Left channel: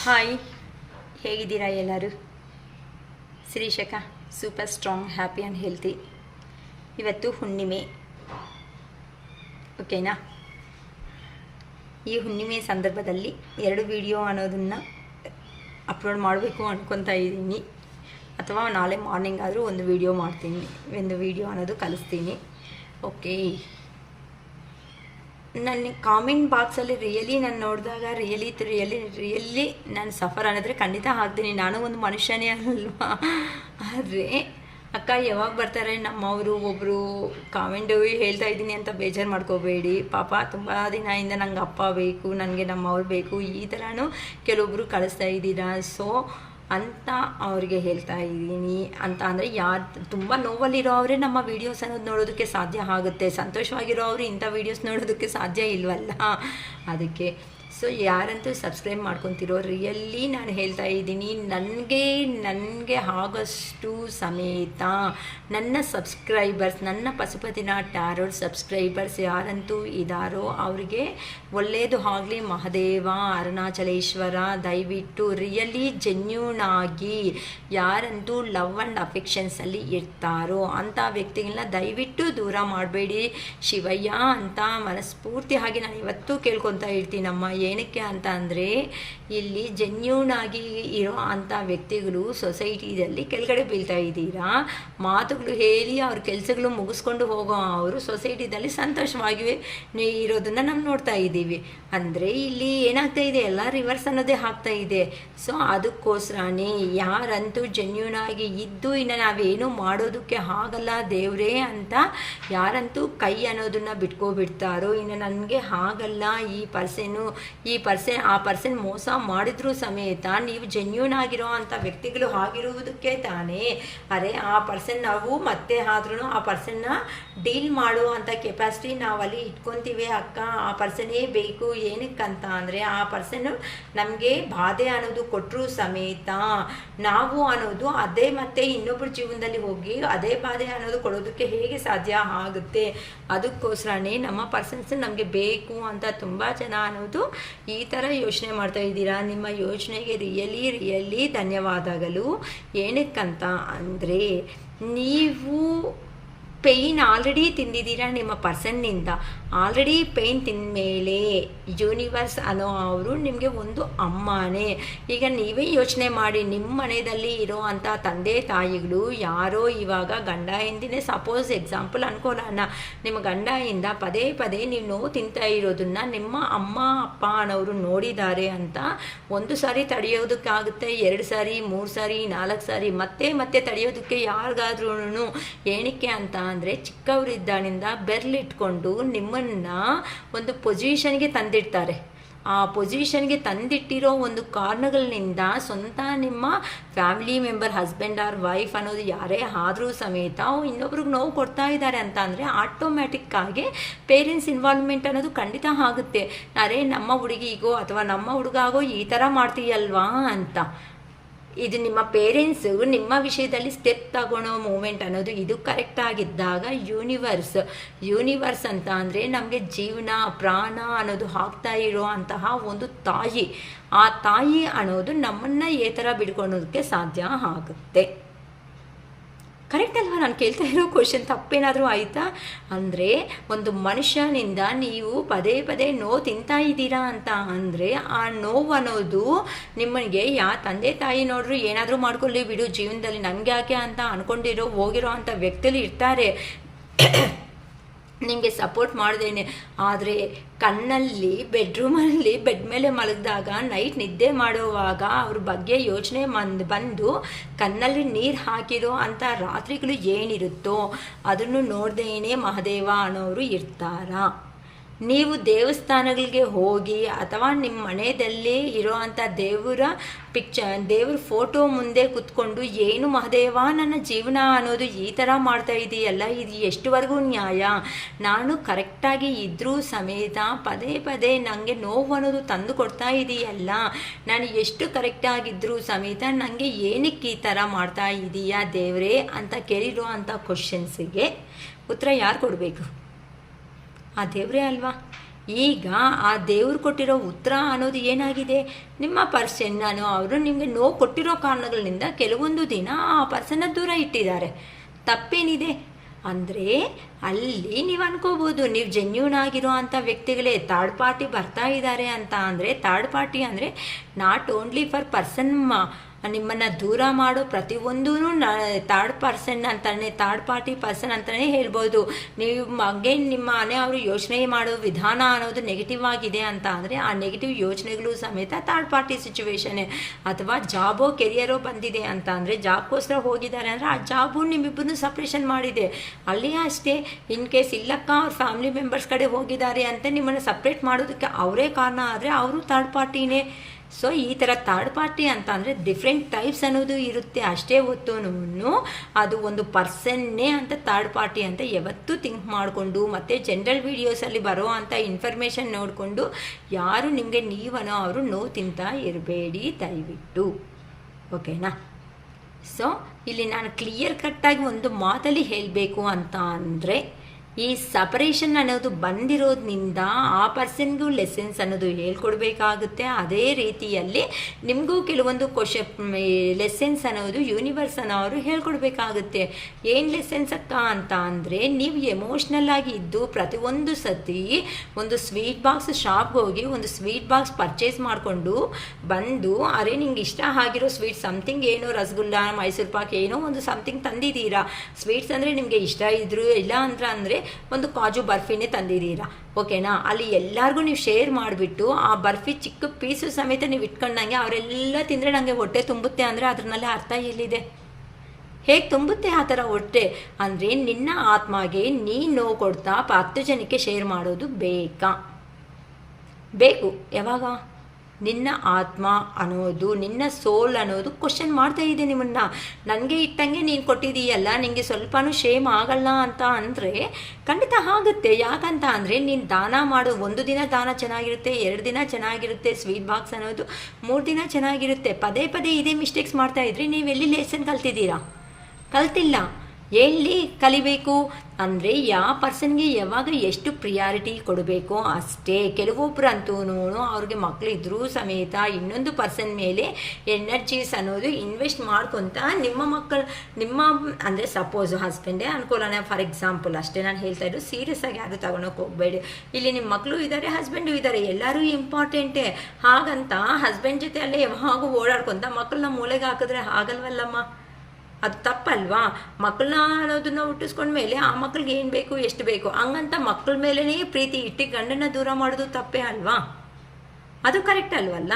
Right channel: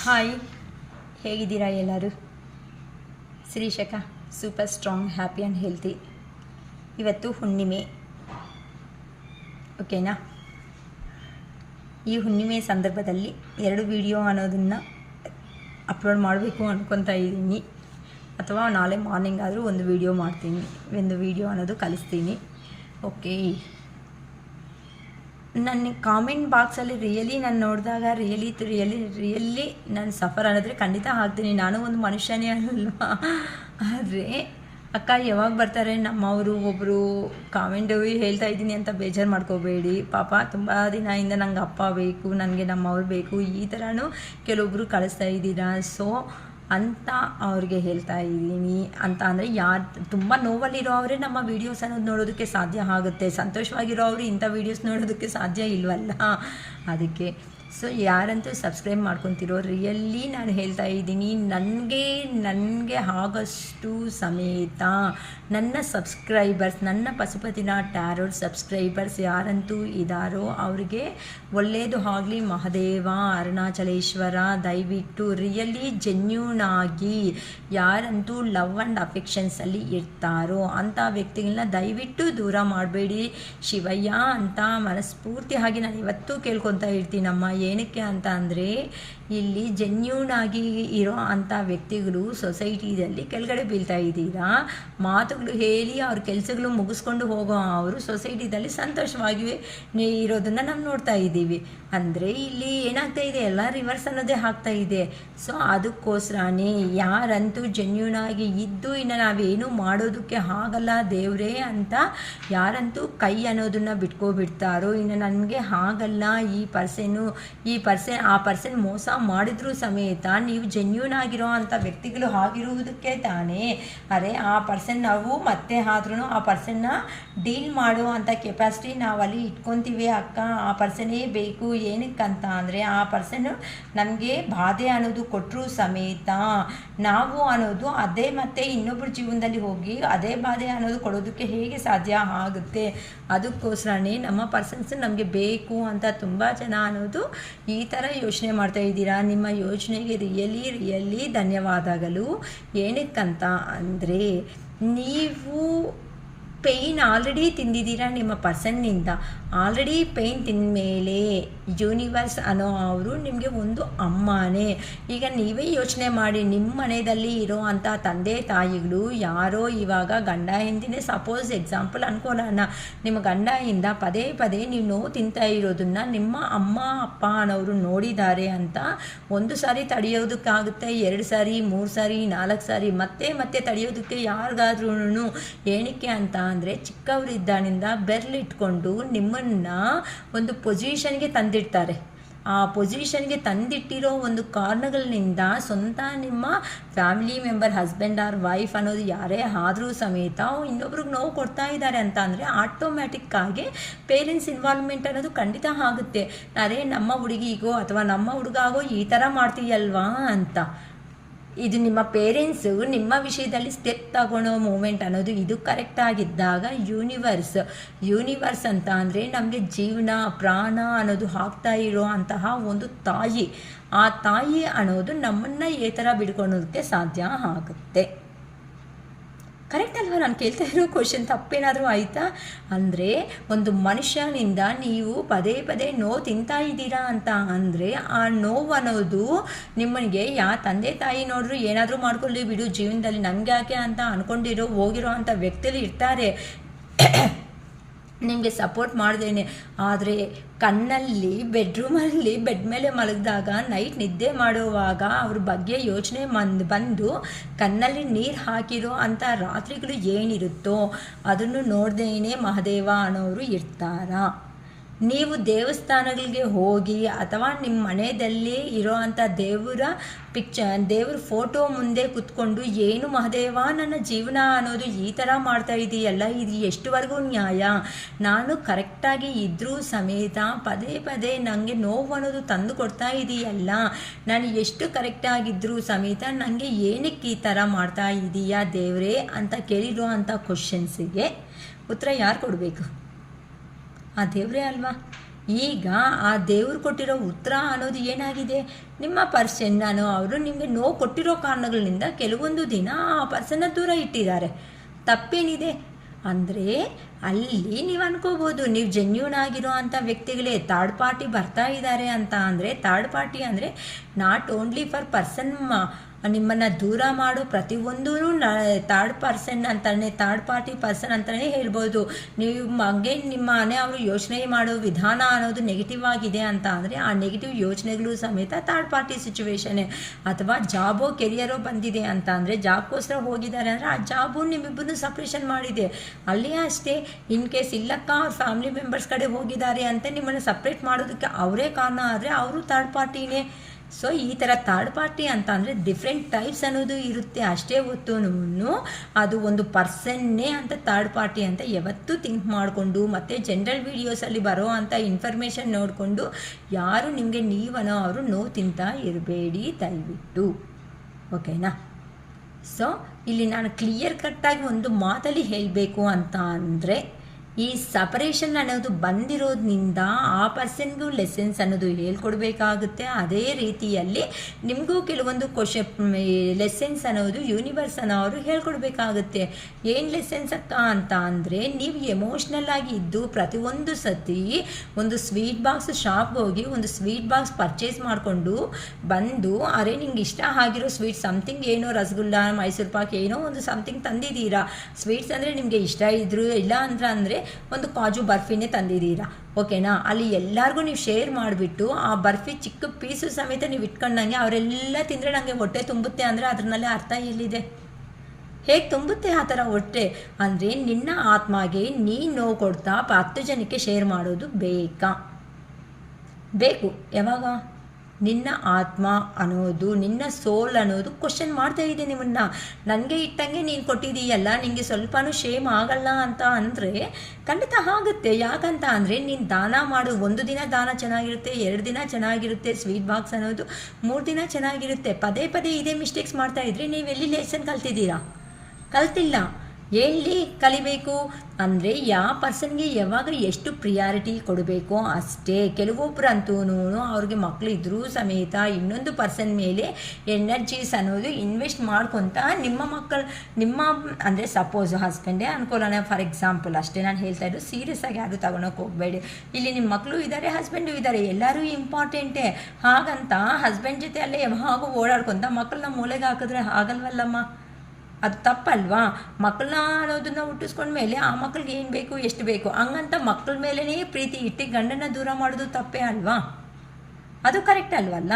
Hi, ಹೇಗಿದ್ದೀರಾ ಎಲ್ಲರೂ? ಶ್ರೀಶಕ super strong, happy and healthy. ಇವತ್ತು ಹುಣ್ಣಿಮೆ, ಓಕೆನಾ? ಈ ಹುಣ್ಣಿಮೆ ಸಂದರ್ಭದಲ್ಲಿ 2 ವಿಡಿಯೋ ಅನ್ನೋದನ್ನು ಅಪ್ಲೋಡ್ ಮಾಡಬೇಕು ಅಂದ್ಕೊತಾ ಇದ್ದೀನಿ. ಅಥವಾ ನಾಳೆ ಮಾರ್ನಿಂಗ್ ಆದರೂ ಒಂದು ವಿಡಿಯೋ ಮಾಡ್ತೀನಿ, ಒಂದು ವಿಡಿಯೋ ಅನ್ನೋದು ಕಲಿಸ್ತೀನಿ. ಓಕೆ, ನನ್ನ ಕಾಮೆಂಟ್ ಬಾಕ್ಸಲ್ಲಿ ರಿಯಲಿ ನಾನು ನೋಡಿದಾಗ ರಿಯಲಿ ನಾನು ಸಫರ್ ಅನ್ನೋದ್ರೆ ಖಂಡಿತ ಆಗ್ತೀನಿ. ನಾನು ಒಂದು ಮನುಷ್ಯನೇ ಅಲ್ವಾ. ಆದರೆ ಅಕ್ಕ ಯಾವಾಗ ಬರ್ತಾರೆ ನಮ್ಮವರು, ಒಬ್ಬರು ಕಾಮೆಂಟು ಹೇಳ್ತಾ ಇದ್ದೀನಿ ಅಂತ ಬೇಜಾರು ಮಾಡ್ಕೋಬೇಡಿ. ಪಾಪ ತುಂಬ ದಿನದಿಂದ ನಂಗೆ ಅಪ್ಪ ಬೇಕು, ನನಗೆ ನಮ್ಮವ್ರು ಬೇಕು, ಈ ಥರನೂ ಕೆಲವೊಬ್ಬರು ಕಳಿಸ್ತಾ ಇದ್ದೀರಾ. ಸೊ ಅಂತ ಅವ್ರಿಗೆ ಹೇಳ್ತಾ ಇದ್ದೀನಿ. ಅಂತ ಅಂದರೆ ಯಾರು ತುಂಬ ನೋವಲ್ಲಿರೋ ಅವರೇ ನಮ್ಮ ವೀಡಿಯೋಸ್ ಅನ್ನೋದು ನೋಡೋದಕ್ಕೆ ಸಾಧ್ಯ ಆಗುತ್ತೆ. ಸಂತೋಷವಾಗಿರೋ ಅವರು ಇಂಥ ವೀಡಿಯೋಸ್ ನೋಡೋದಕ್ಕೆ ಸಾಧ್ಯ ಇಲ್ವಲ್ಲ. ಅದಕ್ಕೆ ಸೊ ಯಾರಂತೂ ಸಬ್ಸ್ಕ್ರೈಬ್ ಮಾಡ್ಕೊತಿರೋ ರಿಯಲಿ ನಾನು ಹೇಳ್ತಾ ಇದ್ದೀನಿ, ನನಗೆ ಆಗಷ್ಟು ಸಮೇತ ನನ್ನ ಸಬ್ಸ್ಕ್ರೈಬರ್ಸ್, ನನ್ನ ಪಶುಪತಿನ ಟ್ಯಾರೋಟ್ ಸಬ್ಸ್ಕ್ರೈಬರ್ಸ್ ಯಾರಂತೂ ಇದ್ದಾರೋ ಅವರಿಗೆ ಒಳ್ಳೆಯದು ಆಗಲಿ. ಮಹದೇವ, ಅರುಣಾಚಲೇಶ್ವರ, ದಯವಿಟ್ಟು ರಿಯಲಿ ಜೆನ್ಯೂನ್ ಆಗಿ ಯಾರಂತೂ ಲವ್ ಆ್ಯಂಡ್ ಅಫೆಕ್ಷನ್ಸಲ್ಲಿ ಇರ್ತಾರೋ ಅಂಥ ವ್ಯಕ್ತಿಗಳನ್ನ ದಯವಿಟ್ಟು ದೂರ ಮಾಡಬೇಡಿ. ಶಿವಯ್ಯ ಅಂತ ಮನಸ್ಫೂರ್ತಿಯಾಗಿ ನಾನು ಇವತ್ತು ಕೇಳ್ಕೊತಾ ಇರ್ತೀನಮ್ಮ. ಏನಕ್ಕೆ ಅಂತ ಅಂದರೆ, ಇಲ್ಲಿ ಜೆನ್ಯೂನ್ ಆಗಿ ಇರೋ ಅಂಥ ವ್ಯಕ್ತಿಗಳು ಸೊಸೈಟಿಯಲ್ಲಿ ಕೆಳಗಡೆ ಬೀಳ್ತಾ ಇದ್ದೀರಾ. ಮಾತುಗಳು ಹೇಳಿ ಅವ್ರ ಕೆಲಸಗಳು ಮುಗಿಸ್ಕೊಂಡು ಹೋಗೋ ಅವರು ಸೊಸೈಟಿದಲ್ಲಿ ಸಂತೋಷವಾಗಿವೆ ಇರೋದನ್ನು ನಾವು ನೋಡ್ತಾ ಇದ್ದೀವಿ. ಅಂದರೆ ಇಲ್ಲಿ ಏನಾಗ್ತಾ ಇದೆ, ಎಲ್ಲ ರಿವರ್ಸ್ ಅನ್ನೋದೇ ಆಗ್ತಾ ಇದೆ. ಸೊ ಅದಕ್ಕೋಸ್ಕರನೇ ಯಾರಂತೂ ಜೆನ್ಯೂನ್ ಆಗಿ ಇದ್ದು ಇನ್ನು ನಾವೇನು ಮಾಡೋದಕ್ಕೆ ಆಗಲ್ಲ ದೇವ್ರೇ ಅಂತ ಯಾರಂತೂ ಕೈ ಅನ್ನೋದನ್ನು ಬಿಟ್ಕೊಬಿಡ್ತಾರೋ, ಇನ್ನು ನನಗೆ ಆಗಲ್ಲ ಆ ಪರ್ಸನ್ ಮೋಸ ಮಾಡಿದ್ರೂ ಸಮೇತ ನೀವು ಜೆನ್ಯೂನ್ ಆಗಿರೋ ಅಂಥ ವ್ಯಕ್ತಿಗಳು ಆಗಿರುವುದಕ್ಕೆ ತಾನೇ. ಅರೆ ಆ ಪರ್ಸನ್ ನಾವು ಮತ್ತೆ ಆದ್ರೂ ಆ ಪರ್ಸನ್ನ ಡೀಲ್ ಮಾಡೋ ಅಂಥ ಕೆಪಾಸಿಟಿ ನಾವಲ್ಲಿ ಇಟ್ಕೊತೀವಿ ಅಕ್ಕ. ಆ ಪರ್ಸನ್ನೇ ಬೇಕು. ಏನಕ್ಕಂತ ಅಂದರೆ ಆ ಪರ್ಸನ್ನು ನಮಗೆ ಬಾಧೆ ಅನ್ನೋದು ಕೊಟ್ಟರು ಸಮೇತ ನಾವು ಅನ್ನೋದು ಅದೇ ಮತ್ತೆ ಇನ್ನೊಬ್ಬರ ಜೀವನದಲ್ಲಿ ಹೋಗಿ ಅದೇ ಬಾಧೆ ಅನ್ನೋದು ಕೊಡೋದಕ್ಕೆ ಹೇಗೆ ಸಾಧ್ಯ ಆಗುತ್ತೆ? ಅದಕ್ಕೋಸ್ಕರನೇ ನಮ್ಮ ಪರ್ಸನ್ಸ್ ನಮಗೆ ಬೇಕು ಅಂತ ತುಂಬ ಜನ ಅನ್ನೋದು ಈ ಥರ ಯೋಚನೆ ಮಾಡ್ತಾ ಇದ್ದೀರಾ. ನಿಮ್ಮ ಯೋಚನೆಗೆ ರಿಯಲಿ ಧನ್ಯವಾದಗಳು. ಏನಕ್ಕಂತ ಅಂದರೆ, ನೀವು ಪೇಯ್ನ್ ಆಲ್ರೆಡಿ ತಿಂದಿದ್ದೀರಾ ನಿಮ್ಮ ಪರ್ಸನ್ನಿಂದ. ಆಲ್ರೆಡಿ ಪೇಯ್ನ್ ತಿಂದ ಮೇಲೆ ಯೂನಿವರ್ಸ್ ಅನ್ನೋ ಅವರು ನಿಮಗೆ ಒಂದು ಅಮ್ಮನೇ. ಈಗ ನೀವೇ ಯೋಚನೆ ಮಾಡಿ, ನಿಮ್ಮ ಮನೆಯಲ್ಲಿ ಇರೋ ಅಂಥ ತಂದೆ ತಾಯಿಗಳು ಯಾರೋ ಇವಾಗ ಗಂಡ ಹಿಂದಿನೇ ಸಪೋಸ್ ಎಕ್ಸಾಂಪಲ್ ಅನ್ಕೊಳ್ಳೋಣ, ನಿಮ್ಮ ಗಂಡಯಿಂದ ಪದೇ ನೀವು ನೋವು ತಿಂತಾ ಇರೋದನ್ನು ನಿಮ್ಮ ಅಮ್ಮ ಅಪ್ಪ ಅನ್ನೋರು ನೋಡಿದ್ದಾರೆ ಅಂತ 1 ಸಾರಿ ತಡೆಯೋದಕ್ಕಾಗುತ್ತೆ, 2 ಸಾರಿ, 3 ಸಾರಿ, 4 ಸಾರಿ, ಮತ್ತೆ ತಡೆಯೋದಕ್ಕೆ ಯಾರಿಗಾದ್ರೂ. ಏನಕ್ಕೆ ಅಂತ ಅಂದರೆ, ಚಿಕ್ಕವರಿದ್ದಾನಿಂದ ಬೆರಳಿಟ್ಕೊಂಡು ನಿಮ್ಮನ್ನು ಒಂದು ಪೊಸಿಷನ್ಗೆ ತಂದಿಡ್ತಾರೆ. ಆ ಪೊಸಿಷನ್ಗೆ ತಂದಿಟ್ಟಿರೋ ಒಂದು ಕಾರಣಗಳಿಂದ ಸ್ವಂತ ನಿಮ್ಮ family member, husband or wife ಅನ್ನೋದು ಯಾರೇ ಆದರೂ ಸಮೇತ ಇನ್ನೊಬ್ರಿಗೆ ನೋವು ಕೊಡ್ತಾ ಇದ್ದಾರೆ ಅಂತ ಅಂದರೆ ಆಟೋಮ್ಯಾಟಿಕ್ಕಾಗಿ ಪೇರೆಂಟ್ಸ್ ಇನ್ವಾಲ್ವ್ಮೆಂಟ್ ಅನ್ನೋದು ಖಂಡಿತ ಆಗುತ್ತೆ. ಅರೆ ನಮ್ಮ ಹುಡುಗಿಗೋ ಅಥವಾ ನಮ್ಮ ಹುಡುಗಾಗೋ ಈ ಥರ ಮಾಡ್ತೀಯಲ್ವಾ ಅಂತ. ಇದು ನಿಮ್ಮ ಪೇರೆಂಟ್ಸು ನಿಮ್ಮ ವಿಷಯದಲ್ಲಿ ಸ್ಟೆಪ್ ತಗೊಳ್ಳೋ ಮೂಮೆಂಟ್ ಅನ್ನೋದು ಇದು ಕರೆಕ್ಟಾಗಿದ್ದಾಗ ಯೂನಿವರ್ಸ್ ಅಂತ ಅಂದರೆ ನಮಗೆ ಜೀವನ ಪ್ರಾಣ ಅನ್ನೋದು ಆಗ್ತಾ ಇರೋ ಅಂತಹ ಒಂದು ತಾಯಿ. ಆ ತಾಯಿ ಅನ್ನೋದು ನಮ್ಮನ್ನು ಈ ಥರ ಬಿಡ್ಕೊಳ್ಳೋದಕ್ಕೆ ಸಾಧ್ಯ ಆಗುತ್ತೆ. ಕರೆಕ್ಟ್ ಅಲ್ವಾ? ನಾನು ಕೇಳ್ತಾ ಇರೋ ಕ್ವಶನ್ ತಪ್ಪೇನಾದರೂ ಆಯಿತಾ? ಅಂದರೆ ಒಂದು ಮನುಷ್ಯನಿಂದ ನೀವು ಪದೇ ನೋವು ತಿಂತಾ ಇದ್ದೀರಾ ಅಂತ ಅಂದರೆ ಆ ನೋವು ಅನ್ನೋದು ನಿಮ್ಮನಿಗೆ ತಂದೆ ತಾಯಿ ನೋಡ್ರು ಏನಾದರೂ ಮಾಡ್ಕೊಳ್ಳಿ ಬಿಡು ಜೀವನದಲ್ಲಿ ನನಗೆ ಯಾಕೆ ಅಂತ ಹೋಗಿರೋ ಅಂಥ ವ್ಯಕ್ತಿಗಳು ಇರ್ತಾರೆ ನಿಮಗೆ ಸಪೋರ್ಟ್ ಮಾಡ್ದೇನೆ. ಆದರೆ ಕಣ್ಣಲ್ಲಿ ಬೆಡ್ರೂಮಲ್ಲಿ ಬೆಡ್ ಮೇಲೆ ಮಲಗಿದಾಗ ನೈಟ್ ನಿದ್ದೆ ಮಾಡುವಾಗ ಅವ್ರ ಬಗ್ಗೆ ಯೋಚನೆ ಬಂದು ಕಣ್ಣಲ್ಲಿ ನೀರು ಹಾಕಿರೋ ಅಂಥ ರಾತ್ರಿಗಳು ಏನಿರುತ್ತೋ ಅದನ್ನು ನೋಡ್ದೇನೆ ಮಹದೇವ ಅನ್ನೋರು ಇರ್ತಾರಾ? ನೀವು ದೇವಸ್ಥಾನಗಳಿಗೆ ಹೋಗಿ ಅಥವಾ ನಿಮ್ಮ ಮನೆಯಲ್ಲೇ ಇರೋ ಅಂಥ ದೇವ್ರ ಫೋಟೋ ಮುಂದೆ ಕೂತ್ಕೊಂಡು ಏನು ಮಹದೇವ ನನ್ನ ಜೀವನ ಅನ್ನೋದು ಈ ಥರ ಮಾಡ್ತಾ ಇದೆಯಲ್ಲ, ಇದು ಎಷ್ಟುವರೆಗೂ ನ್ಯಾಯ? ನಾನು ಕರೆಕ್ಟಾಗಿ ಇದ್ದರೂ ಸಮೇತ ಪದೇ ನನಗೆ ನೋವು ಅನ್ನೋದು ತಂದು ಕೊಡ್ತಾ ಇದೆಯಲ್ಲ, ನಾನು ಎಷ್ಟು ಕರೆಕ್ಟಾಗಿದ್ದರೂ ಸಮೇತ ನನಗೆ ಏನಕ್ಕೆ ಈ ಥರ ಮಾಡ್ತಾ ಇದೀಯಾ ದೇವರೇ ಅಂತ ಕೇಳಿರೋ ಅಂಥ ಕ್ವಶನ್ಸಿಗೆ ಉತ್ತರ ಯಾರು ಕೊಡಬೇಕು? ಆ ದೇವರೇ ಅಲ್ವಾ? ಈಗ ಆ ದೇವ್ರು ಕೊಟ್ಟಿರೋ ಉತ್ತರ ಅನ್ನೋದು ಏನಾಗಿದೆ, ನಿಮ್ಮ ಪರ್ಸನ್ ಅವರು ನಿಮಗೆ ನೋವು ಕೊಟ್ಟಿರೋ ಕಾರಣಗಳಿಂದ ಕೆಲವೊಂದು ದಿನ ಆ ಪರ್ಸನ್ನ ದೂರ ಇಟ್ಟಿದ್ದಾರೆ. ತಪ್ಪೇನಿದೆ ಅಂದರೆ ಅಲ್ಲಿ ನೀವು ಅನ್ಕೋಬೋದು ನೀವು ಜೆನ್ಯೂನ್ ಆಗಿರೋ ಅಂಥ ವ್ಯಕ್ತಿಗಳೇ ಥರ್ಡ್ ಪಾರ್ಟಿ ಬರ್ತಾ ಇದ್ದಾರೆ ಅಂತ. ಅಂದರೆ ಥರ್ಡ್ ಪಾರ್ಟಿ ಅಂದರೆ ನಾಟ್ ಓನ್ಲಿ ಫಾರ್ ಪರ್ಸನ್ ನಿಮ್ಮನ್ನು ದೂರ ಮಾಡೋ ಪ್ರತಿಯೊಂದೂ ಥರ್ಡ್ ಪರ್ಸನ್ ಅಂತಾನೆ, ಥರ್ಡ್ ಪಾರ್ಟಿ ಪರ್ಸನ್ ಅಂತಲೇ ಹೇಳ್ಬೋದು. ನೀವು ಹಂಗೆ ನಿಮ್ಮ ಅವರು ಯೋಚನೆ ಮಾಡೋ ವಿಧಾನ ಅನ್ನೋದು ನೆಗೆಟಿವ್ ಆಗಿದೆ ಅಂತ ಅಂದರೆ ಆ ನೆಗೆಟಿವ್ ಯೋಚನೆಗಳು ಸಮೇತ ಥರ್ಡ್ ಪಾರ್ಟಿ ಸಿಚುವೇಶನ್ನೇ. ಅಥವಾ ಜಾಬೋ ಕೆರಿಯರೋ ಬಂದಿದೆ ಅಂತ ಅಂದರೆ ಜಾಬ್ಗೋಸ್ಕರ ಹೋಗಿದ್ದಾರೆ ಅಂದರೆ ಆ ಜಾಬು ನಿಮ್ಮಿಬ್ಬರನ್ನು ಸಪ್ರೇಷನ್ ಮಾಡಿದೆ. ಅಲ್ಲಿ ಅಷ್ಟೇ, ಇನ್ ಕೇಸ್ ಇಲ್ಲಕ್ಕ ಅವ್ರ ಫ್ಯಾಮಿಲಿ ಮೆಂಬರ್ಸ್ ಕಡೆ ಹೋಗಿದ್ದಾರೆ ಅಂತ ನಿಮ್ಮನ್ನು ಸಪ್ರೇಟ್ ಮಾಡೋದಕ್ಕೆ ಅವರೇ ಕಾರಣ ಆದರೆ ಅವರು ಥರ್ಡ್ ಪಾರ್ಟಿನೇ. ಸೊ ಈ ಥರ ಥರ್ಡ್ ಪಾರ್ಟಿ ಅಂತ ಅಂದರೆ ಡಿಫ್ರೆಂಟ್ ಟೈಪ್ಸ್ ಅನ್ನೋದು ಇರುತ್ತೆ. ಅಷ್ಟೇ ಹೊತ್ತು ಅದು ಒಂದು ಪರ್ಸನ್ನೇ ಅಂತ ಥರ್ಡ್ ಪಾರ್ಟಿ ಅಂತ ಯಾವತ್ತೂ ಥಿಂಕ್ ಮಾಡಿಕೊಂಡು ಮತ್ತು ಜನರಲ್ ವೀಡಿಯೋಸಲ್ಲಿ ಬರೋ ಅಂಥ ಇನ್ಫಾರ್ಮೇಷನ್ ನೋಡಿಕೊಂಡು ಯಾರು ನಿಮಗೆ ನೀವನೋ ಅವರು ನೋವು ತಿಂತಾ ಇರಬೇಡಿ ದಯವಿಟ್ಟು, ಓಕೆನಾ. ಸೊ ಇಲ್ಲಿ ನಾನು ಕ್ಲಿಯರ್ ಕಟ್ಟಾಗಿ ಒಂದು ಮಾತಲ್ಲಿ ಹೇಳಬೇಕು ಅಂತ ಅಂದರೆ ಈ ಸಪರೇಷನ್ ಅನ್ನೋದು ಬಂದಿರೋದ್ರಿಂದ ಆ ಪರ್ಸನ್ಗೂ ಲೆಸನ್ಸ್ ಅನ್ನೋದು ಹೇಳ್ಕೊಡ್ಬೇಕಾಗುತ್ತೆ. ಅದೇ ರೀತಿಯಲ್ಲಿ ನಿಮಗೂ ಕೆಲವೊಂದು ಲೆಸನ್ಸ್ ಅನ್ನೋದು ಯೂನಿವರ್ಸ್ ಅನ್ನೋರು ಹೇಳ್ಕೊಡ್ಬೇಕಾಗುತ್ತೆ. ಏನು ಲೆಸನ್ಸ್ ಅಕ್ಕ ಅಂತ ಅಂದರೆ ನೀವು ಎಮೋಷ್ನಲ್ ಆಗಿ ಇದ್ದು ಪ್ರತಿಯೊಂದು ಸತಿ ಒಂದು ಸ್ವೀಟ್ ಬಾಕ್ಸ್ ಶಾಪ್ಗೆ ಹೋಗಿ ಒಂದು ಸ್ವೀಟ್ ಬಾಕ್ಸ್ ಪರ್ಚೇಸ್ ಮಾಡಿಕೊಂಡು ಬಂದು ಅರೆ ನಿಂಗೆ ಇಷ್ಟ ಆಗಿರೋ ಸ್ವೀಟ್ ಸಮಥಿಂಗ್ ಏನೋ ರಸಗುಲ್ಲ ಮೈಸೂರು ಪಾಕ್ ಏನೋ ಒಂದು ಸಮಥಿಂಗ್ ತಂದಿದ್ದೀರಾ. ಸ್ವೀಟ್ಸ್ ಅಂದರೆ ನಿಮಗೆ ಇಷ್ಟ ಇದ್ರು ಇಲ್ಲ ಅಂದರೆ ಒಂದು ಕಾಜು ಬರ್ಫಿನೇ ತಂದಿದ್ದೀರಾ, ಓಕೆನಾ. ಅಲ್ಲಿ ಎಲ್ಲರಿಗೂ ನೀವು ಶೇರ್ ಮಾಡಿಬಿಟ್ಟು ಆ ಬರ್ಫಿ ಚಿಕ್ಕ ಪೀಸು ಸಮೇತ ನೀವು ಇಟ್ಕೊಂಡಂಗೆ ಅವರೆಲ್ಲ ತಿಂದರೆ ನನಗೆ ಹೊಟ್ಟೆ ತುಂಬುತ್ತೆ ಅಂದರೆ ಅದ್ರಲ್ಲೇ ಅರ್ಥ ಎಲ್ಲಿದೆ? ಹೇಗೆ ತುಂಬುತ್ತೆ ಆ ಥರ ಹೊಟ್ಟೆ ಅಂದರೆ ನಿನ್ನ ಆತ್ಮಗೆ ನೀನು ನೋವು ಕೊಡ್ತಾ 10 ಜನಕ್ಕೆ ಶೇರ್ ಮಾಡೋದು ಬೇಕು. ಯಾವಾಗ ನಿನ್ನ ಆತ್ಮ ಅನ್ನೋದು ನಿನ್ನ ಸೋಲ್ ಅನ್ನೋದು ಕ್ವಶನ್ ಮಾಡ್ತಾ ಇದೆ ನಿಮ್ಮನ್ನು. ನನಗೆ ಇಟ್ಟಂಗೆ ನೀನು ಕೊಟ್ಟಿದ್ದೀಯಲ್ಲ, ನಿನಗೆ ಸ್ವಲ್ಪನೂ ಶೇಮ್ ಆಗಲ್ಲ ಅಂತ ಅಂದರೆ ಖಂಡಿತ ಆಗುತ್ತೆ. ಯಾಕಂತ ಅಂದರೆ ನೀನು ದಾನ ಮಾಡೋ ಒಂದು ದಿನ ದಾನ ಚೆನ್ನಾಗಿರುತ್ತೆ, 2 ದಿನ ಚೆನ್ನಾಗಿರುತ್ತೆ, ಸ್ವೀಟ್ ಬಾಕ್ಸ್ ಅನ್ನೋದು 3 ದಿನ ಚೆನ್ನಾಗಿರುತ್ತೆ. ಪದೇ ಇದೇ ಮಿಸ್ಟೇಕ್ಸ್ ಮಾಡ್ತಾ ಇದ್ರೆ ನೀವೆಲ್ಲಿ ಲೆಸನ್ ಕಲ್ತಿದ್ದೀರಾ? ಕಲ್ತಿಲ್ಲ. ಎಲ್ಲಿ ಕಲಿಬೇಕು ಅಂದರೆ ಯಾವ ಪರ್ಸನ್ಗೆ ಯಾವಾಗ ಎಷ್ಟು ಪ್ರಿಯಾರಿಟಿ ಕೊಡಬೇಕೋ ಅಷ್ಟೇ. ಕೆಲವೊಬ್ರು ಅಂತೂ ಅವ್ರಿಗೆ ಮಕ್ಕಳಿದ್ರೂ ಸಮೇತ ಇನ್ನೊಂದು ಪರ್ಸನ್ ಮೇಲೆ ಎನರ್ಜೀಸ್ ಅನ್ನೋದು ಇನ್ವೆಸ್ಟ್ ಮಾಡ್ಕೊತ ನಿಮ್ಮ ಅಂದರೆ ಸಪೋಸ್ ಹಸ್ಬೆಂಡೇ ಅನ್ಕೊಳ್ಳೋಣ ಫಾರ್ ಎಕ್ಸಾಂಪಲ್ ಅಷ್ಟೇ ನಾನು ಹೇಳ್ತಾ ಇದ್ದು, ಸೀರಿಯಸ್ ಆಗಿ ಯಾರು ತಗೊಳಕ್ಕೆ ಹೋಗಬೇಡಿ. ಇಲ್ಲಿ ನಿಮ್ಮ ಮಕ್ಕಳು ಇದ್ದಾರೆ, ಹಸ್ಬೆಂಡು ಇದ್ದಾರೆ, ಎಲ್ಲರೂ ಇಂಪಾರ್ಟೆಂಟೇ. ಹಾಗಂತ ಹಸ್ಬೆಂಡ್ ಜೊತೆ ಅಲ್ಲೇ ಯಾವಾಗೂ ಓಡಾಡ್ಕೊತ ಮಕ್ಕಳನ್ನ ಮೂಲೆಗೆ ಹಾಕಿದ್ರೆ ಆಗಲ್ವಲ್ಲಮ್ಮ, ಅದು ತಪ್ಪಲ್ವಾ? ಮಕ್ಕಳನ್ನ ಅನ್ನೋದನ್ನ ಹುಟ್ಟಿಸ್ಕೊಂಡ್ಮೇಲೆ ಆ ಮಕ್ಕಳಿಗೆ ಏನು ಬೇಕು ಎಷ್ಟು ಬೇಕು ಹಂಗಂತ ಮಕ್ಕಳ ಮೇಲೇ ಪ್ರೀತಿ ಇಟ್ಟು ಗಂಡನ ದೂರ ಮಾಡೋದು ತಪ್ಪೇ ಅಲ್ವಾ? ಅದು ಕರೆಕ್ಟ್ ಅಲ್ವಲ್ಲ?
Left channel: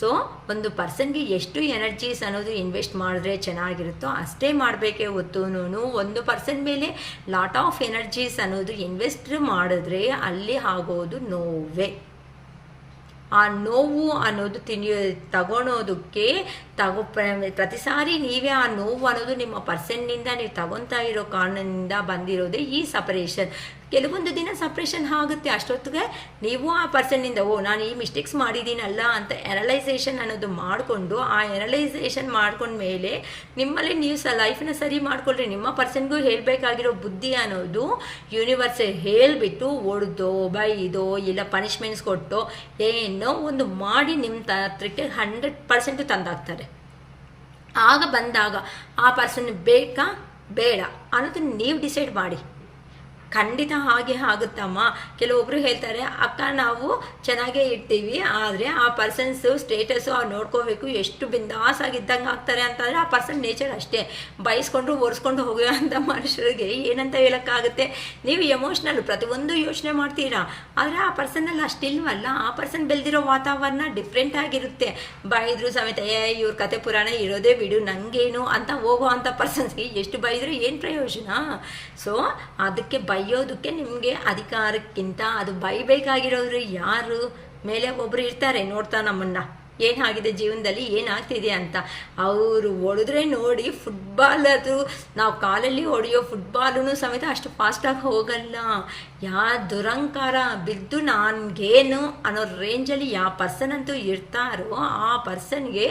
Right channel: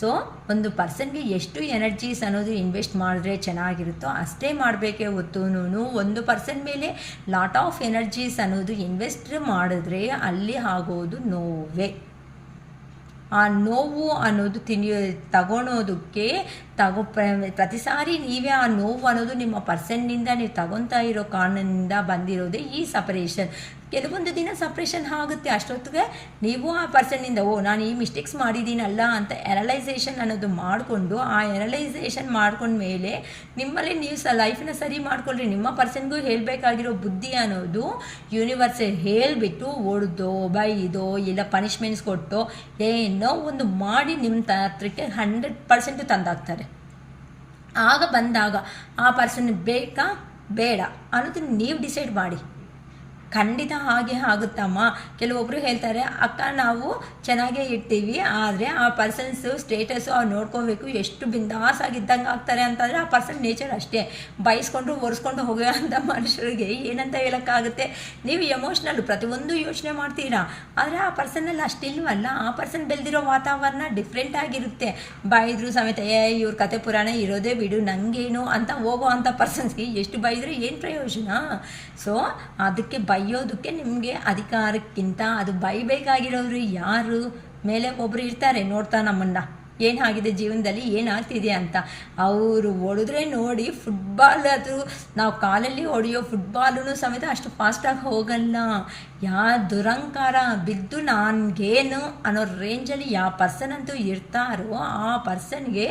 ಸೊ ಒಂದು ಪರ್ಸನ್ಗೆ ಎಷ್ಟು ಎನರ್ಜೀಸ್ ಅನ್ನೋದು ಇನ್ವೆಸ್ಟ್ ಮಾಡಿದ್ರೆ ಚೆನ್ನಾಗಿರುತ್ತೋ ಅಷ್ಟೇ ಮಾಡಬೇಕೇ ಹೊತ್ತು ಒಂದು ಪರ್ಸನ್ ಮೇಲೆ ಲಾಟ್ ಆಫ್ ಎನರ್ಜೀಸ್ ಅನ್ನೋದು ಇನ್ವೆಸ್ಟ್ ಮಾಡಿದ್ರೆ ಅಲ್ಲಿ ಆಗೋದು ನೋವೇ. ಆ ನೋವು ಅನ್ನೋದು ತಗೊಳೋದಕ್ಕೆ ಪ್ರತಿ ಸಾರಿ ನೀವೇ ಆ ನೋವು ಅನ್ನೋದು ನಿಮ್ಮ ಪರ್ಸನ್ನಿಂದ ನೀವು ತಗೊತಾ ಇರೋ ಕಾರಣದಿಂದ ಬಂದಿರೋದೇ ಈ ಸಪರೇಷನ್. ಕೆಲವೊಂದು ದಿನ ಸಪ್ರೇಷನ್ ಆಗುತ್ತೆ, ಅಷ್ಟೊತ್ತಿಗೆ ನೀವು ಆ ಪರ್ಸನ್ನಿಂದ ನಾನು ಈ ಮಿಸ್ಟೇಕ್ಸ್ ಮಾಡಿದ್ದೀನಲ್ಲ ಅಂತ ಎನಲೈಸೇಷನ್ ಅನ್ನೋದು ಮಾಡಿಕೊಂಡು ಆ ಎನಲೈಸೇಷನ್ ಮಾಡ್ಕೊಂಡ್ಮೇಲೆ ನಿಮ್ಮಲ್ಲಿ ನೀವು ಲೈಫನ್ನ ಸರಿ ಮಾಡ್ಕೊಳ್ರಿ. ನಿಮ್ಮ ಪರ್ಸನ್ಗೂ ಹೇಳಬೇಕಾಗಿರೋ ಬುದ್ಧಿ ಅನ್ನೋದು ಯೂನಿವರ್ಸ್ ಹೇಳಿಬಿಟ್ಟು ಹೊಡೆದೋ ಬೈದೋ ಇಲ್ಲ ಪನಿಷ್ಮೆಂಟ್ಸ್ ಕೊಟ್ಟೋ ಏನೋ ಒಂದು ಮಾಡಿ ನಿಮ್ಮ ಹತ್ರಕ್ಕೆ 100% ತಂದಾಕ್ತಾರೆ. ಆಗ ಬಂದಾಗ ಆ ಪರ್ಸನ್ ಬೇಕಾ ಬೇಡ ಅನ್ನೋದನ್ನ ನೀವು ಡಿಸೈಡ್ ಮಾಡಿ. ಖಂಡಿತ ಹಾಗೆ ಆಗುತ್ತಮ್ಮ. ಕೆಲವೊಬ್ಬರು ಹೇಳ್ತಾರೆ ಅಕ್ಕ ನಾವು ಚೆನ್ನಾಗೇ ಇರ್ತೀವಿ ಆದರೆ ಆ ಪರ್ಸನ್ಸು ಸ್ಟೇಟಸ್ಸು ಅವ್ರು ನೋಡ್ಕೋಬೇಕು, ಎಷ್ಟು ಬಿಂದಾಸ್ ಆಗಿದ್ದಂಗೆ ಆಗ್ತಾರೆ ಅಂತಂದರೆ ಆ ಪರ್ಸನ್ ನೇಚರ್ ಅಷ್ಟೇ. ಬಯಸ್ಕೊಂಡು ಒರೆಸ್ಕೊಂಡು ಹೋಗೋ ಅಂಥ ಮನುಷ್ಯರಿಗೆ ಏನಂತ ಹೇಳೋಕ್ಕಾಗುತ್ತೆ? ನೀವು ಎಮೋಷ್ನಲ್ ಪ್ರತಿಯೊಂದು ಯೋಚನೆ ಮಾಡ್ತೀರಾ ಆದರೆ ಆ ಪರ್ಸನ್ನಲ್ಲಿ ಅಷ್ಟಿಲ್ವಲ್ಲ. ಆ ಪರ್ಸನ್ ಬೆಳೆದಿರೋ ವಾತಾವರಣ ಡಿಫ್ರೆಂಟ್ ಆಗಿರುತ್ತೆ. ಬೈದ್ರು ಸಮೇತ ಇವ್ರ ಕತೆ ಪುರಾಣ ಇರೋದೇ ಬಿಡು ನನಗೇನು ಅಂತ ಹೋಗೋ ಅಂಥ ಪರ್ಸನ್ಸ್ಗೆ ಎಷ್ಟು ಬೈದರೂ ಏನು ಪ್ರಯೋಜನ? ಸೊ ಅದಕ್ಕೆ ಬೈಯೋದಕ್ಕೆ ನಿಮಗೆ ಅಧಿಕಾರಕ್ಕಿಂತ ಅದು ಬೈಬೇಕಾಗಿರೋರು ಯಾರು? ಮೇಲೆ ಒಬ್ಬರು ಇರ್ತಾರೆ ನೋಡ್ತಾ ನಮ್ಮನ್ನು ಏನಾಗಿದೆ ಜೀವನದಲ್ಲಿ ಏನಾಗ್ತಿದೆ ಅಂತ. ಅವರು ಹೊಡೆದ್ರೆ ನೋಡಿ ಫುಟ್ಬಾಲ್, ಅದು ನಾವು ಕಾಲಲ್ಲಿ ಹೊಡೆಯೋ ಫುಟ್ಬಾಲೂ ಸಮೇತ ಅಷ್ಟು ಫಾಸ್ಟಾಗಿ ಹೋಗಲ್ಲ. ದುರಂಕಾರ ಬಿದ್ದು ನನಗೇನು ಅನ್ನೋ ರೇಂಜಲ್ಲಿ ಯಾವ ಪರ್ಸನ್ ಅಂತೂ ಇರ್ತಾರೋ ಆ ಪರ್ಸನ್ಗೆ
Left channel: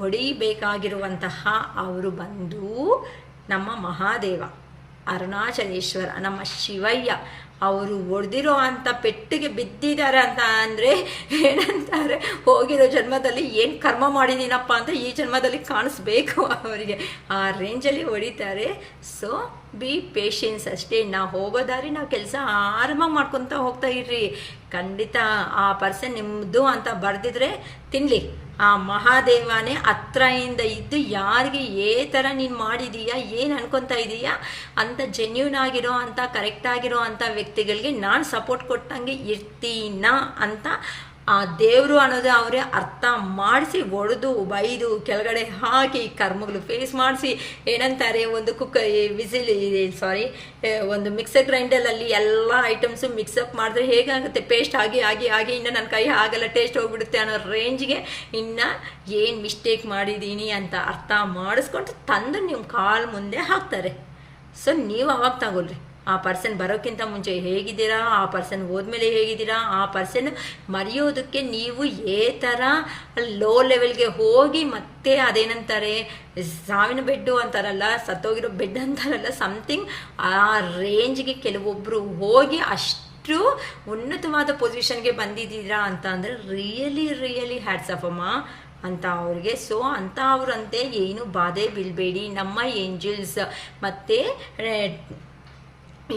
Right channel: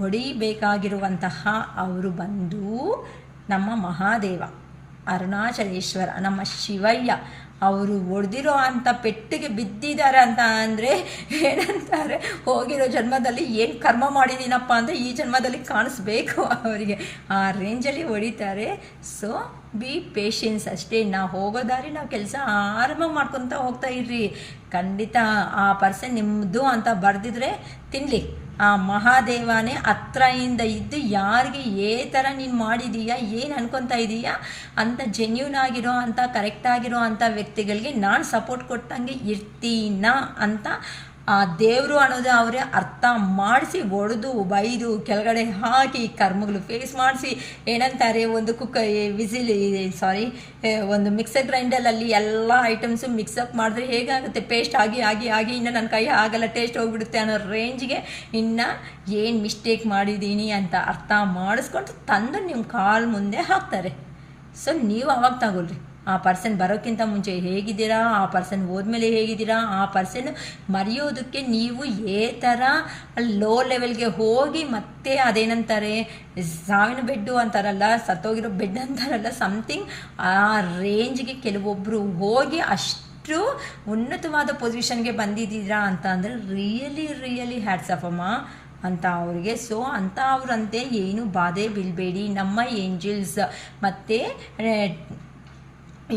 ಹೊಡಿಬೇಕಾಗಿರುವಂತಹ ಅವರು ಬಂದು ನಮ್ಮ ಮಹಾದೇವ ಅರುಣಾಚಲೇಶ್ವರ ನಮ್ಮ ಶಿವಯ್ಯ ಅವರು ಹೊಡೆದಿರೋ ಅಂಥ ಪೆಟ್ಟಿಗೆ ಬಿದ್ದಿದ್ದಾರೆ ಅಂತ ಅಂದರೆ ಏನಂತಾರೆ, ಹೋಗಿರೋ ಜನ್ಮದಲ್ಲಿ ಏನು ಕರ್ಮ ಮಾಡಿದ್ದೀನಪ್ಪ ಅಂದರೆ ಈ ಜನ್ಮದಲ್ಲಿ ಕಾಣಿಸ್ಬೇಕು ಅವರಿಗೆ, ಆ ರೇಂಜಲ್ಲಿ ಹೊಡಿತಾರೆ. ಸೊ ಬಿ ಪೇಷನ್ಸ್ ಅಷ್ಟೇ. ನಾವು ಹೋಗೋ ದಾರಿ ನಾವು ಕೆಲಸ ಆರಾಮಾಗಿ ಮಾಡ್ಕೊತ ಹೋಗ್ತಾ ಇರ್ರಿ. ಖಂಡಿತ ಆ ಪರ್ಸನ್ ನಿಮ್ಮದು ಅಂತ ಬರೆದಿದ್ರೆ ತಿನ್ನಲಿ, ಆ ಮಹಾದೇವನೇ ಹತ್ರದಿಂದ ಇದ್ದು ಯಾರಿಗೆ ಥರ ನೀನು ಮಾಡಿದೀಯಾ, ಏನು ಅನ್ಕೊತಾ ಇದೀಯಾ ಅಂತ ಜೆನ್ಯೂನ್ ಆಗಿರೋ ಅಂಥ ಕರೆಕ್ಟ್ ಆಗಿರೋ ಅಂಥ ವ್ಯಕ್ತಿಗಳಿಗೆ ನಾನು ಸಪೋರ್ಟ್ ಕೊಟ್ಟಂಗೆ ಇರ್ತೀನ ಅಂತ ಆ ದೇವರು ಅನ್ನೋದೇ ಅವರೇ ಅರ್ಥ ಮಾಡಿಸಿ ಹೊಡೆದು ಬೈದು ಕೆಳಗಡೆ ಹಾಕಿ ಕರ್ಮಗಳು ಫೇಸ್ ಮಾಡಿಸಿ, ಏನಂತಾರೆ ಒಂದು ಒಂದು ಮಿಕ್ಸರ್ ಗ್ರೈಂಡರಲ್ಲಿ ಎಲ್ಲ ಐಟಮ್ಸು ಮಿಕ್ಸಪ್ ಮಾಡಿದ್ರೆ ಹೇಗಾಗುತ್ತೆ, ಪೇಸ್ಟ್ ಆಗಿ ಆಗಿ ಆಗಿ ಇನ್ನು ನನ್ನ ಕೈ ಆಗಲ್ಲ, ಟೇಸ್ಟ್ ಹೋಗ್ಬಿಡುತ್ತೆ ಅನ್ನೋ ರೇಂಜ್ಗೆ ಇನ್ನು ಏನು ಮಿಸ್ಟೇಕ್ ಮಾಡಿದ್ದೀನಿ ಅಂತ ಅರ್ಥ ಮಾಡಿಸ್ಕೊಂಡು ತಂದು ನಿಮ್ಮ ಕಾಲು ಮುಂದೆ ಹಾಕ್ತಾರೆ. ಸೊ ನೀವು ಅವಾಗ ತಗೊಳ್ರಿ, ಆ ಪರ್ಸನ್ ಬರೋಕ್ಕಿಂತ ಮುಂಚೆ ಹೇಗಿದ್ದೀರಾ, ಆ ಪರ್ಸನ್ ಹೋದ್ಮೇಲೆ ಹೇಗಿದ್ದೀರಾ, ಆ ಪರ್ಸನ್ ಮರೆಯೋದಕ್ಕೆ ನೀವು ಥರ ಲೋ ಲೆವೆಲ್ಗೆ ಹೋಗಿ ಮತ್ತೆ ಅದೇನಂತಾರೆ ಸಾವಿನ ಬೆಡ್ಡು ಅಂತಾರಲ್ಲ, ಸತ್ತೋಗಿರೋ ಬೆಡ್ ಅಂತಾರಲ್ಲ, ಸಮಥಿಂಗ್ ಆ ರೇಂಜ್ಗೆ ಕೆಲವೊಬ್ಬರು ಹೋಗಿ ಅಷ್ಟು ಉನ್ನತವಾದ ಪೊಸಿಷನ್ಗೆ ಬಂದಿದ್ದೀರಾ ಅಂತ ಅಂದರೆ ರಿಯಲಿ ಹ್ಯಾಟ್ಸ್ ಆಫ್ ಅಮ್ಮ ಅಂತ ಅವ್ರಿಗೆ. ಸೊ ಅಂತ ಅವರಂತೆ ಏನು ಬಾಧೆ ಬೀಳಬೇಡಿ. ನಮ್ಮ ಏಂಜಲ್ಸ್ ಮತ್ತು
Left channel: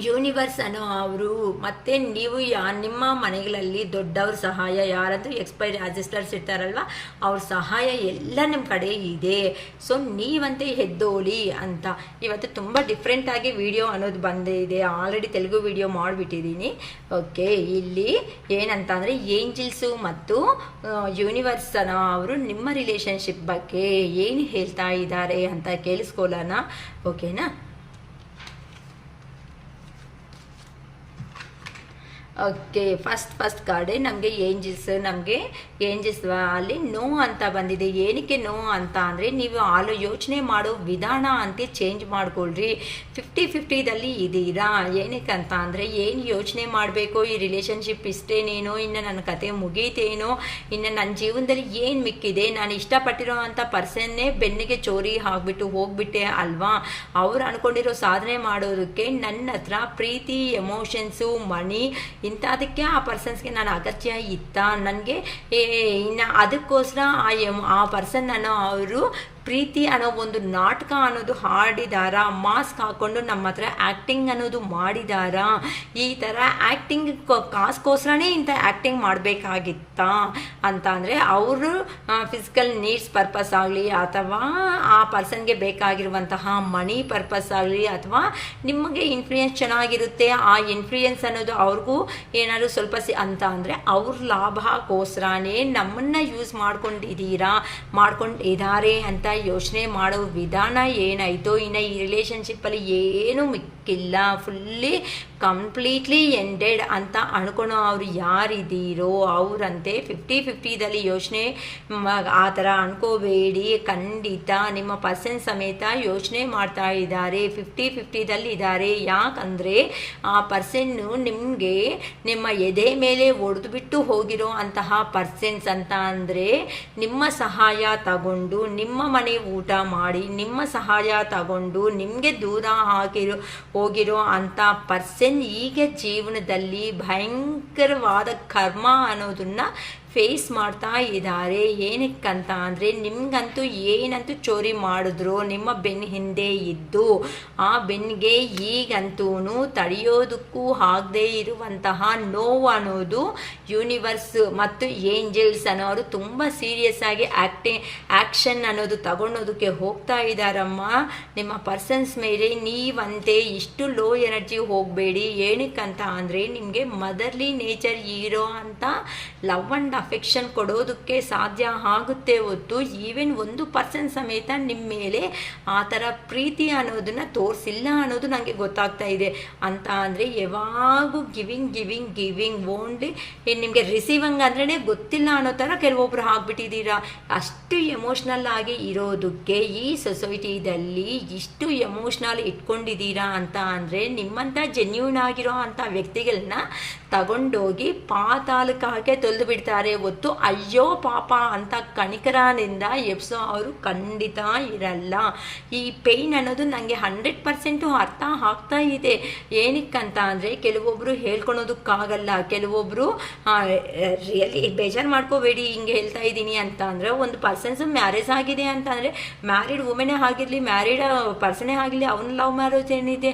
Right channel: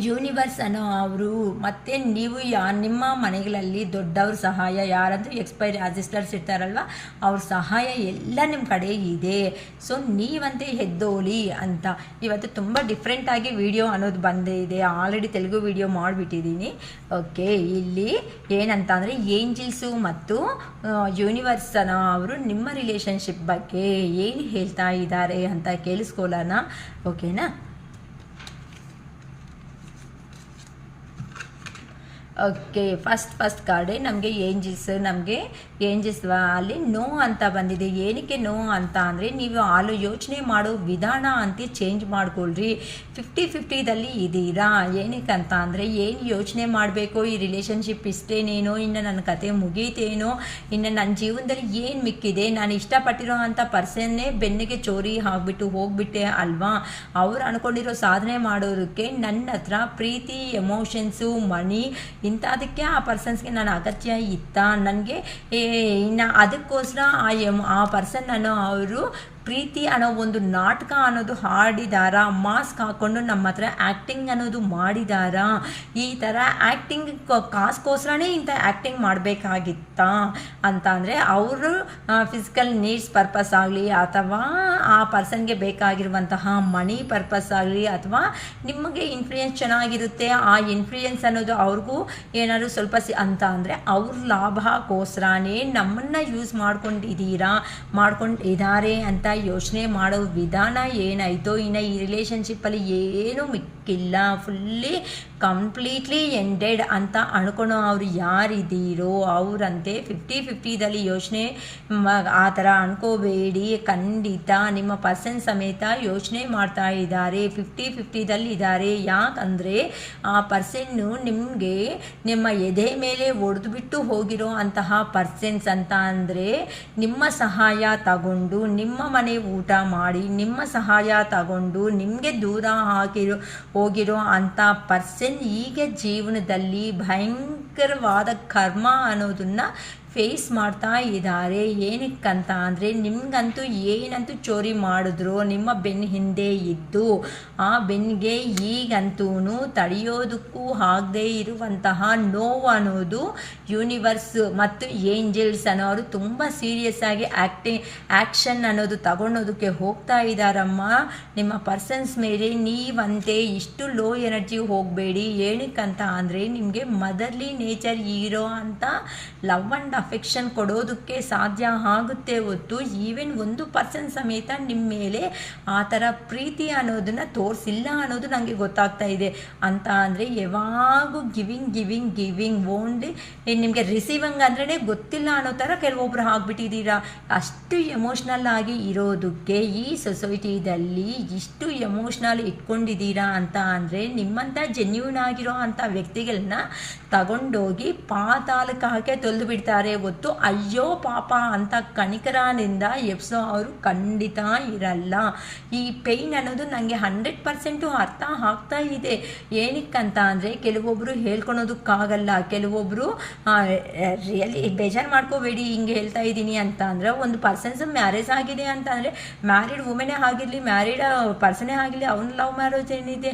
ಯೂನಿವರ್ಸ್ ಅನ್ನೋ ಅವರು ಮತ್ತು ನೀವು ನಿಮ್ಮ ಮನೆಗಳಲ್ಲಿ ದೊಡ್ಡವ್ರ ಸಹಾಯ, ಯಾರಾದರೂ ಎಕ್ಸ್ಪೈರಿ ಅಸಿಸ್ಟರ್ಸ್ ಇರ್ತಾರಲ್ವ, ಅವ್ರ ಸಹಾಯ ಎಲ್ಲ ನಿಮ್ಮ ಕಡೆ ಇದೆ. ಸೊ ನೀವಂತೆ ಎದ್ದೋಳಿ ಅಂತ ಇವತ್ತು ತುಂಬ ಡಿಫ್ರೆಂಟಾಗಿ ವಿಡಿಯೋ ಅನ್ನೋದು ಬಂದಿದೆ. ಆಲ್ರೆಡಿ ತೆಲುಗು ವಿಡಿಯೋ ಮಾಡಿಬಿಟ್ಟಿದ್ದೀನಿ. ಓಕೆ, ಇಲ್ಲಿ ಏನಂತ ಅಂದರೆ ಏಂಜಲ್ಸು ಮತ್ತು ಯೂನಿವರ್ಸ್ ಅನ್ನೋ ಅವರು ನಿಮ್ಮ ರಿಲೇಷನ್ಶಿಪ್ ಬಗ್ಗೆ ಏನು ಹೇಳ್ತಾ ಇದ್ದಾರೆ ಅಂತ ಕೇಳಿಸ್ಕೊಳ್ಳೋಣ. ಓಕೆನಾ? ಓಕೆ, ಫಸ್ಟ್ ಕಾರ್ಡೆ ನಮಗೆ ಏಂಜಲ್ಸ್ ಅಲ್ಲಿ ನೋ ಅಂತ ಬಂದಿದೆ. ಏನಕ್ಕೆ ನೋ ಅಂತ ಅಂದರೆ ನೀವು ಯೋಚನೆ ಮಾಡೋ ವಿಧಾನ ಅಂತ ಚೇಂಜ್ ಮಾಡ್ಕೊಳ್ರಿ. 50-50ದಲ್ಲಿ ಇದ್ದೀರಾ. ಏನಕ್ಕೆ ಅಂತ ಅಂದರೆ ಏನು ಯೋಚನೆ ಮಾಡಬೇಕು, ಈ ರಿಲೇಷನ್ಶಿಪ್ ಇಷ್ಟೇನೇನೋ, ಇನ್ನು ನನ್ನ ಕತೆ ಮುಗೀತೇನೋ, ಇನ್ನು ನನ್ನ ಜೀವನದಲ್ಲಿ ಏನು ಮಿಕ್ಕಿದೆ, ನಾನು ಇಷ್ಟಪಟ್ಟಿರೋ ಅಂಥ ಪರ್ಸನ್ನೇ ಬೆನ್ನಿಗೆ ಚೋರಿ ಆಗಿಬಿಟ್ಟು ಹೋಗ್ಬಿಟ್ಟೆ ಅಲ್ವಾ, ಅವ್ರು ಅಂದ್ಕೊಂಡಿರೋ ಸಾಧನೆ ಮಾಡೋದಕ್ಕೆ ನನ್ನ ಹತ್ರ ಪ್ರೀತಿ, ಎಮೋಷನ್ಸು, ಮನಿ ಇಂಥದಕ್ಕೆ ಆ ಪರ್ಸನ್ಸ್ಗೆ ನಾನು ಅಗತ್ಯ ಇತ್ತ ನನಗೆ, ಇನ್ನು ಅದಕ್ಕೋಸ್ಕರ ಆ ಪರ್ಸನ್ ಅನ್ನೋ ಅವರು ಪ್ರೀತಿ ಅನ್ನೋ ಒಂದು ನಾಟಕ ಅನ್ನೋದು ಹಾಡಿದಾರ, ಮಾಸ್ಕ್ ಹಾಕ್ಕೊಂಡು ನಮ್ಮ ಹತ್ರ ಆ್ಯಕ್ಟಿಂಗ್ ಅನ್ನೋದು ಮಾಡಿದಾರ. ಈ ಥರ ಆ್ಯಕ್ಟಿಂಗ್ ಕಾಸ್ಗೋಸ್ಕರನೇ ಇಂಥ ಆ್ಯಕ್ಟಿಂಗ್ ಮಾಡಬೇಕಾಗಿತ್ತ ಅಂತ ಅಂದರೆ ಅವರು ಫಿಸಿಕಲ್ ನೀಡ್ಸ್ ಪರ್ಪಸ್ ಆಗಲಿ, ಅಥವಾ ಆ ಪರ್ಸನ್ಗೆ ಬೇಕಾಗಿರುವಂತಹ ಮನಿ ಪರ್ಪಸ್ ಆಗಲಿ, ಅಥವಾ ನಿಮಗೆ ಇನ್ಫ್ಲೂಯೆನ್ಸ್ ಚೆನ್ನಾಗಿರುತ್ತೆ, ಆ ಇನ್ಫ್ಲೂಯೆನ್ಸ್ ಅನ್ನೋದು ಅವ್ರಿಗೂ ಏನಾದರೂ ಸ್ವಲ್ಪ ಅಂತ ಅಂದರೆ ಅವ್ರ ಲಾಭಕ್ಕೋಸ್ಕರನೇ ನಮ್ಮನ್ನು ಯೂಸ್ ಮಾಡ್ಕೊಂಡಿದ್ದಾರೆ ಅಂತ ಯೋಚನೆ ಮಾಡೋ ವಿಧಾನ ಏನಾಯಿತೋ. ಇನ್ನು ಈ ರಿಲೇಷನ್ಶಿಪ್ಪಲ್ಲಿ ಏನೂ ಮಿಕ್ಕಿಲ್ಲ, ಫುಲ್ಲಿ ಕಂಪ್ಲೀಟ್ಲಿ ಎಂಡೆಡ್ ಅಂತ ಅನ್ಕೊಳೋ ಅವ್ರು ಯಾರಿದ್ದೀರೋ ಅವರಂತೆ 50-50ದಲ್ಲಿ ಯೋಚನೆ ಆ ಥರ ಅನ್ಕೋಬೇಡಿ. ಖಂಡಿತ ನಿಮ್ಮ ಪರ್ಸನ್ ಸಮೇತ ಯೋಚನೆ ಮಾಡ್ತಾ ಇದ್ದಾರೆ, 50-50ದಲ್ಲಿ ಇದ್ದಾರೆ. ಯಾಕಂದರೆ ಆ ಪರ್ಸನ್ನು ನಿಮಗೆ ನಿಮ್ಮ ಎದೆ ಮೇಲೆ ಒಡೆದುಬಿಟ್ಟು ಹೋಗಿರೋ ಅಂತಹ ಪರ್ಸನ್ಸ್ ಅಂತ ಅಂದರೆ ನಿಮ್ಮ ಸಹಾಯ ತಗೊಂಡು ನಿಮ್ಮ ಮನೆ ಊಟ ಮಾಡಿ ನಿಮ್ಮ ಸಹಾಯ ತಗೊಂಡು ನಿಮಗೆ ದೂರ ಹೋಗಿರೋ ಅಂಥ ಪರ್ಸನ್ ಈಗ ಜೀವನದಲ್ಲಿ ಭಯಂಕರವಾದ ಕರ್ಮ ಅನ್ನೋದನ್ನ ಫೇಸ್ ಮಾಡ್ತಾ ಇದ್ದಾರೆ. ಏನಕ್ಕಂತ ಅಂದರೆ ನಿಮಗಂತೂ ಏನಂತೂ ಚೋರಿ ಮಾಡಿದ್ರು ನಿಮ್ಮ ಬೆನ್ನ ಹಿಂದೆ ಇದ್ದು ಆ ಬೆನ್ನಿಗೆ ಈಗಂತೂ ತಡೆಯೋದಕ್ಕೂ ಆಗದೆ ಇರುವಂತಹ ನೋವು ಅನ್ನೋದು ಯೂನಿವರ್ಸ್ ಮತ್ತು ಏಂಜಲ್ಸ್ ಅನ್ನೋರು ತುಂಬ ಸೀರಿಯಸ್ ಆಗಿ ಆ್ಯಕ್ಷನ್ ಅನ್ನೋದು ತಗೊಳೋದಕ್ಕೆ ಹೋಗ್ತಾ ಇದ್ದಾರಮ್ಮ. ನಿಮ್ಮ ಪರ್ಸನ್ಸ್ ಮೇಲೆ ನೀವಂತೆ ಇಷ್ಟು ಲೋ ಎನರ್ಜಿ ಹೋಗಬೇಡಿ. ಏನಕ್ಕಂತ ಅಂದರೆ ನಿಮಗೆ ಮದರ್ಲಿ ನೇಚರ್ ಇರೋ ಅಂತ ಲವ್ ಆ್ಯಂಡ್ ಅಫೆಕ್ಷನ್ ಕೊಡೋದಕ್ಕೆ ಸಾಧ್ಯ ಆಗುತ್ತೆ ಹೊತ್ತು ಈವನ್ ಒಂದು ಪರ್ಸನ್ ಸಮೇತ ನಿಮ್ಮ ಮೇಲೆ ಆ ಥರ ಪ್ರೀತಿ ಅನ್ನೋದನ್ನು ತೋರಿಸಿಲ್ಲ ಅನ್ನೋದು ನನಗೆ ಗೊತ್ತಾಗ್ತಾ ಇದೆ. ಅಂತ ಅಂದರೆ ಯಾವಾಗೂ ಗಿವಿಂಗ್ ಓನ್ಲಿ ನಿಮಗೆ ರಿಸೀವಿಂಗ್ ಅಂದ್ರೇ ಗೊತ್ತಿಲ್ಲ ಅನ್ನೋ ಥರ ಕೆಲವೊಬ್ರು ಆಗ್ಬಿಟ್ಟಿದ್ದೀರಾ. ಅಷ್ಟು ಎಮೋಷ್ನಲ್ ಆಗಿ ಇರೋದಕ್ಕೆ ಈ ಸೊಸೈಟಿದಲ್ಲಿ ಇಷ್ಟು ಎಮೋಷ್ನಲ್ ಇಟ್ಕೊಂಡಿದ್ದೀರಾ ಅಂತ ಅಂದರೆ ನಿಮ್ಮಂಥ ಜೆನ್ಯೂನ್ ಆಗಿರೋ ಅಂಥ ವ್ಯಕ್ತಿಗಳನ್ನ ತಗೊಂಡೋಗಿ ಪಾತಾಳಕ್ಕೆ ಹಾಕಿ ತೊಳೆದು ಬಿಡ್ತಾರೆ. ಇರ್ತಾರೆ ಹೊತ್ತು ಅಯ್ಯೋ ಪಾಪ ಅಂತ ಕಣಿಕರದಿಂದ ಎಪ್ಸೋ ಅವರು ಖಂಡಿತ ಇರಲ್ಲ. ಈ ಪೇಯ್ನ್ ಅನ್ನೋದು ನನಗೆ 100% ಅರ್ಥ ಆಗ್ತಾ ಇದೆ. ಏನಕ್ಕಂತ ಅಂದರೆ ಕೆಲವೊಬ್ಬರು ಹೇಳ್ಕೊಳೋದಕ್ಕಾಗಲ್ಲ, ಕೆಲವೊಬ್ಬರು ರಿಯಲಿ ಬೇಜಾರು ಮಾಡ್ಕೋಬೇಡಿ ಹಿಂಗೆ ಹೇಳ್ತಾ ಇದ್ದೀನಿ ಅಂತ ಅಂದರೆ, ಒಂದು ಪರ್ಸನ್ಸ್ ಮ್ಯಾರೇಜ್ ಆಗಿದೆ ಅಂತ ಅಂದರೆ, ಮ್ಯಾರಿಡ್ ವುಮೆನೇ ಆಗಿರಲಿ ಮ್ಯಾರಿಡ್ ಪರ್ಸನೇ ಆಗಲಿ, ಅವನ ಲವ್ ಮ್ಯಾರೇಜ್ ಏನಿದೆ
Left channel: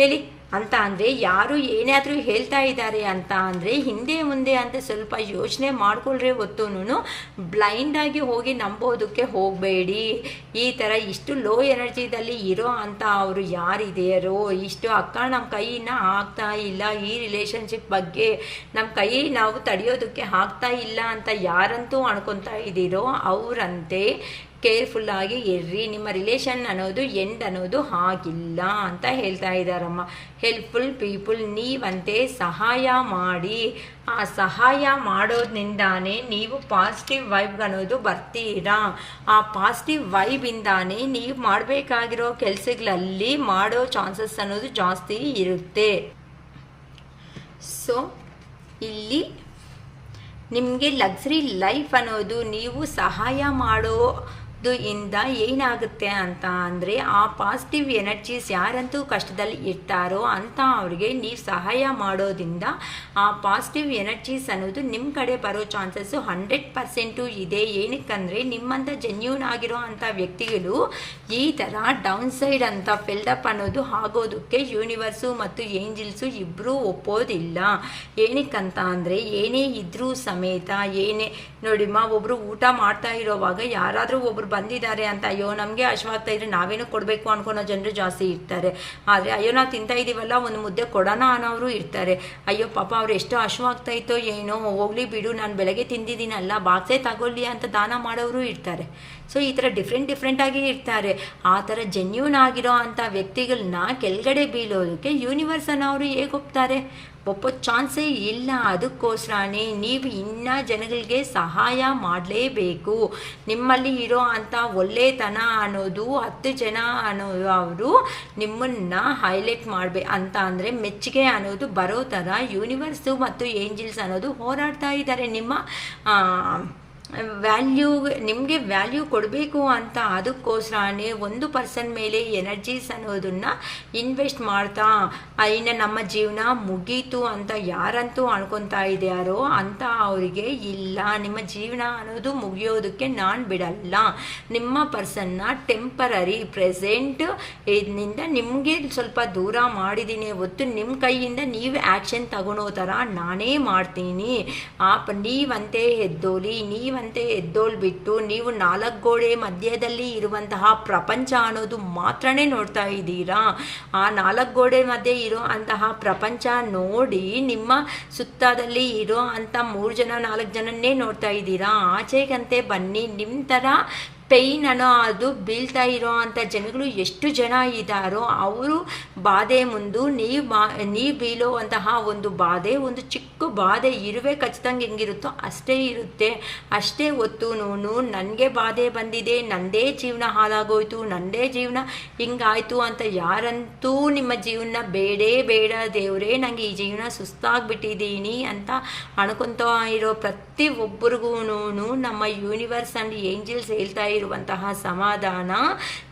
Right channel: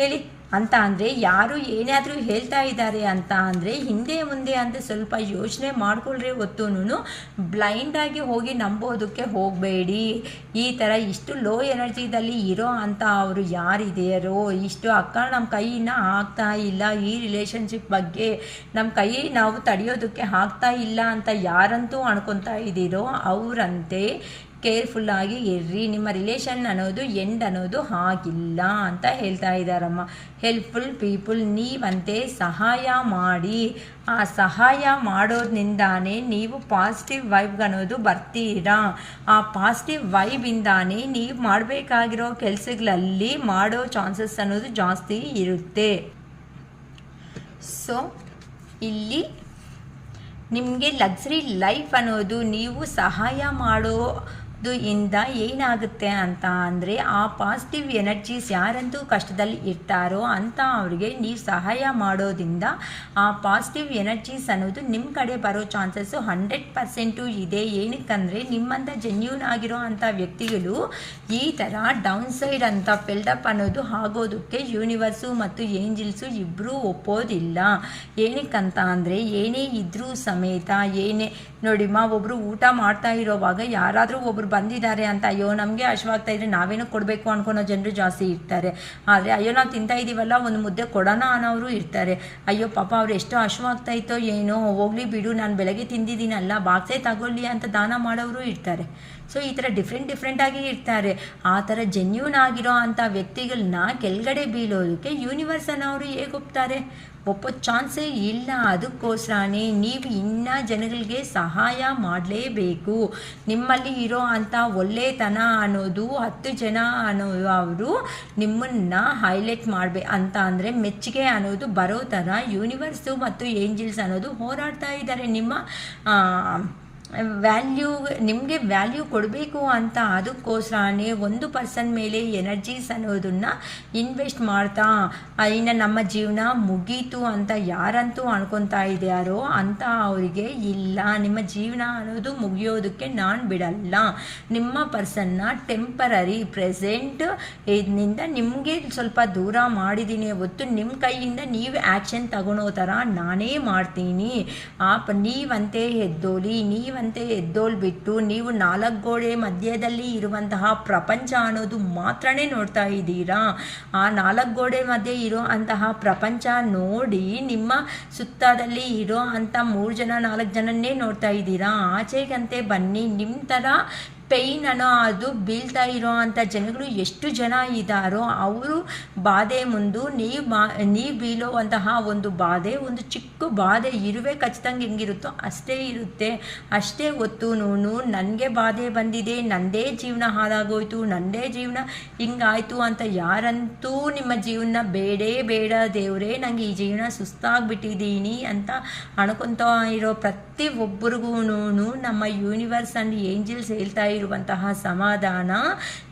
ಹೇಳಿ ಅಂತ ಅಂದರೆ, ಯಾರು ಏನಾದರೂ ಹೇಳ್ತಾ ಇದ್ದಾರೆ ಅಂತ ಅಂದರೆ ಹಿಂದೆ ಮುಂದೆ ಅಂತ ಸ್ವಲ್ಪ ಯೋಚನೆ ಮಾಡ್ಕೊಳ್ರೆ ಹೊತ್ತೂ ಬ್ಲೈಂಡಾಗಿ ಹೋಗಿ ನಂಬೋದಕ್ಕೆ ಹೋಗಬೇಡಿ. ಈ ಥರ ಇಷ್ಟು ಲೋ ಎನರ್ಜಿದಲ್ಲಿ ಇರೋ ಅಂತ ಅವರು ಯಾರಿದೆಯರೋ, ಇಷ್ಟು ಅಕ್ಕ ನಮ್ಮ ಕೈನ ಆಗ್ತಾ ಇಲ್ಲ, ಈ ರಿಲೇಷನ್ಶಿಪ್ ಬಗ್ಗೆ ನಮ್ಮ ಕೈ ನಾವು ತಡೆಯೋದಕ್ಕೆ ಆಗ್ತಾ ಇಲ್ಲ ಅಂತ ಯಾರಂತೂ ಅನ್ಕೊತಾ ಇದ್ದೀರೋ ಅವರಂತೆ ಕೇರ್ಫುಲ್ಲಾಗಿ ಇರ್ರಿ. ನಿಮ್ಮ ರಿಲೇಷನ್ ಅನ್ನೋದು ಎಂಡ್ ಅನ್ನೋದು ಆಗಿಲ್ಲ ಅಂತ ಹೇಳ್ತಾ ಇದ್ದಾರಮ್ಮ. ಹೆಲ್ಪ್ಫುಲ್ ಪೀಪಲ್ ನೀವಂತೆ ಸಹಾಯ ಮಾಡಿ, ಆ ಸಹಾಯ ಮಾಡೋದ್ರಿಂದಾನೇ ನೀವು ಪಾಸಿಟಿವ್ ವೈಬ್ ಅನ್ನೋದು ಬರ್ತೀರಾ. ಆ ಪಾಸಿಟಿವ್ ವೈಬಿಂದಾನೇ ನೀವು ಮಾಡಬೇಕಾಗಿರೋ ಕೆಲಸಗಳಲ್ಲಿ ಮಾಡೋ ಚಾನ್ಸಸ್ ಅನ್ನೋದು ಜಾಸ್ತಿ ಇರುತ್ತೆ. ಸೊ ಇಲ್ಲಿ ನಿಮಗೆ ಲಕ್ಸರಿ ಲೈಫ್ ಅನ್ನೋದು ನೀವು ಸಹಾಯ ಇಂದ ಏನಾಗುತ್ತೆ ಅಂತ ಅಂದರೆ, ಆ ಪಾಸಿಟಿವ್ ಎನರ್ಜೀಸ್ ಯಾರಂತೂ ಕಷ್ಟದಲ್ಲಿ ಇರ್ತಾರೋ ಅಂತ ಅವರಿಗೆ ನೀವು ಸಹಾಯ ಮಾಡೋದ್ರಿಂದ ಆ ಪಾಸಿಟಿವ್ ಎನರ್ಜೀಸ್ ಅನ್ನೋದು ನಿಮ್ಮ ಕಡೆ ಬರೋ ಚಾನ್ಸಸ್ಸು 100% ಇದೆ. ಏನಕ್ಕಂದರೆ ನಿಮ್ಮಂಥ ಜೆನ್ಯೂನ್ ಆಗಿರೋ ಅಂಥ ವ್ಯಕ್ತಿಗಳು ಈ ಥರ ಡೌನ್ ಸೈಡ್ ಅಂತ ಫಿಲ್ಡಪ್ ಅನ್ನೋದು ಆಗೋದಕ್ಕೆ ಯೂನಿವರ್ಸು ಮತ್ತು ಏಂಜಲ್ಸು ಇಬ್ಬರೂ ಒಪ್ಪೋದಿಲ್ಲ. ಏನಕ್ಕಂತ ಅಂದರೆ, ಏನೇ ಇದ್ರೂ ಸಮೇತ ಏನೇ ನೋಡಿಮ್ಮ, ಒಬ್ಬರು ಊಟ ಮಾಡ್ತಾ ಇರೋವಾಗ ಯಾರಾದರೂ ಒಬ್ರು ಬಂದಿದ್ದಾರೆ ಅಂತ ಅಯ್ಯೋ ನಮಗೆ ಹಶ್ವಾಗ್ತಾ ಇದ್ರೆ ನಾವೇನು ಕೊಡಬೇಕು ಅನ್ಕೊಳೋ ಜನರು ಜಾಸ್ತಿ ಇರ್ತಾರೆ. ಆದರೆ ಅಯ್ಯೋ ನಾವು ತಿಂತಾ ಇದ್ದೀವಲ್ಲ ಒಂದು ಮುದ್ದೆ ಕೊಡೋಣ ಅನ್ನೋರು ಇರ್ತಾರೆ. ಅಯ್ಯೋ ಪಾಪ ಅವ್ರು ಎಷ್ಟು ಹಶ್ವಾಗ್ತಾ ಇತ್ತೋ ಏನೋ, ಹೋಗ್ಲಿ ಬಿಡು ನಾನು ಬೆಳಗ್ಗೆ ತಿಂದಿದ್ದೀನಲ್ಲ ಬಾಕ್ಸೇ ತಗೊಳ್ಳಿ ಅಂತ ದಾನ ಮಾಡೋರು ಇರ್ತಾರೆ. ಸೊ ಈ ಥರ ಡಿಫ್ರೆಂಟಾಗಿ ಇರ್ತಾರೆ. ಆ ಥರ ಜೆನ್ಯೂನ್ ಆಗಿರೋ ಅಂಥ ವ್ಯಕ್ತಿಗಳನ್ನ ಕೆಳಗಡೆ ಬೀಳೋದಕ್ಕೆ ಯೂನಿವರ್ಸ್ ಅನ್ನೋರು ಹೇಗೆ ಒಪ್ತಾರೆ? ಒಪ್ಪೋ ಚಾನ್ಸೇ ಇಲ್ಲ. ಅದಕ್ಕೋಸ್ಕರನೇ ನೀವು ಇನ್ನೂ ಜನಗಳಿಗೆ ಸಹಾಯ ಮಾಡಲೇಬೇಕು. ನಿಮ್ಮಲ್ಲಿ ಇರೋ ಅಂಥ ಒಳ್ಳೆತನ ಅನ್ನೋದು 10 ಜನ ಅವರು ನಿಮ್ಮನ್ನು ಹೈಲೈಟ್ ಮಾಡಬೇಕು ಅಂತ ಅಂದರೆ ಮೆಚ್ಚುಗೆ ಅನ್ನೋದು ಬರೋ ಥರ ಯೂನಿವರ್ಸು ಮತ್ತು ಏಂಜಲ್ಸ್ ಅನ್ನೋದು ಹೋರಾಡ್ತಾ ಇದ್ದಾರೆ. ನಿಮ್ಮ ನಿಮಗೆ ವ್ಯಾಲ್ಯೂ ಕೊಡಬೇಕು ಅಂತ. ಅದಕ್ಕೋಸ್ಕರನೇ ಒಂದು ಪರ್ಸನ್ ಮೇಲೆ ಎನರ್ಜೀಸ್ ಅನ್ನೋದನ್ನು ಇನ್ವೆಸ್ಟ್ ಮಾಡ್ತಾ ಇನ್ನು ನಮ್ಮ ಜೀವನ ಮುಗೀತು ಅಂತ ಯಾರಂತೂ ಅನ್ಕೊತಾ ಇದೆಯಾರೋ ಅಂತ ಅವರಿಗೆ ಇಲ್ಲ, ನಿಮ್ಮ ಜೀವನ ಅನ್ನೋದು ಮುಗಿಯೋದಕ್ಕೆ ನಾನು ಬಿಡಲ್ಲ. ನಿಮ್ಮ ಪರ್ಸನ್ನ ಟೆಂಪರರಿ ಪ್ರೆಸೆಂಟ್ ಇದರಿಂದ ನಿಮಗೆ ಸ್ವಲ್ಪ ದೂರ ಮಾಡಿದ್ದೀನಿ ಹೊತ್ತು ನಿಮ್ಮ ಕೈಯಿಂದ ನೀವು ಆ್ಯಕ್ಷನ್ ತಗೊಳೋ ಥರ ನಾನೇ ಮಾಡ್ತೀನಿ. ನೀವಂತೆ ಎದ್ದೋಲಿ, ನೀವಂತೆ ಎದ್ದೋಲ್ಬಿಟ್ಟು ನೀವು 4 ಗೋಡೆ ಮಧ್ಯದಲ್ಲಿ ಇರುವಂತಹ ಪ್ರಪಂಚ ಅನ್ನೋದು ಮಾತ್ರನೇ ನೋಡ್ತಾ ಇದ್ದೀರಾ. ಆ 4 ಗೋಡೆ ಮಧ್ಯೆ ಇರೋ ಅಂತಹ ಪ್ರಪಂಚ ನೋಡಿ ನಿಮ್ಮ ಸುತ್ತದಲ್ಲಿ ಇರೋ ಅಂಥ 3 ಜನ 4 ಜನನ್ನೇ ನೋಡ್ತಾ ಇದ್ದೀರಾ. ಆಚೆಗಂತೆ ಬನ್ನಿ. ನಿಮ್ಮ ಥರ ಪೇಯ್ನ್ ಅನ್ನೋ ಅದು ಬೀಳ್ತಾ ಇರೋ ಅಂಥ ಜನಗಳು ಎಷ್ಟು ಜನ ಇದ್ದಾರೋ ಅವರು ಬಾಧೆ ಮುಂದೆ ನೀವು ಬೀಳುವಂತಹ ಒಂದು ಬಾಧೆ, ಒಂದು ಚಿಕ್ಕ ಬಾಧೆ ಇರುವೆ ಕಚ್ಚಿದಂಗೆ ಹೆಂಗಿರುತ್ತೋ ಅಷ್ಟೇ ಇರುತ್ತೆ. ಅಷ್ಟೇ ಹೊತ್ತು ನನಗೆ ಬಾಧೆ ಬಂದಿದೆ, ನನ್ನದೇ ಜೀವನ ಹಾಳಾಗೋಯ್ತು, ನನ್ನದೇ ಜೀವನ ಹಿಂಗಾಯ್ತು ಅಂತ ಯಾರಂತೂ ನಿಮ್ಮ ಜೀವನ ಬೇಡ ದೇವರೇ ನನಗೆ ಈ ಜೀವನ ಸುಸ್ತಾಗ್ಬಿಟ್ಟಿದ್ದೀನಿ ಅಂತ ಅನ್ಕೊತಾ ಇರೋ ಪ್ರತಿಯೊಬ್ಬರಿಗೂ ನಮ್ಮ ಯೂನಿವರ್ಸ್ ಆ್ಯಂಡ್ ಏಂಜಲ್ಸ್ ಹೇಳ್ತಾ ಇರುವಂತಹ ಸಮಾಧಾನ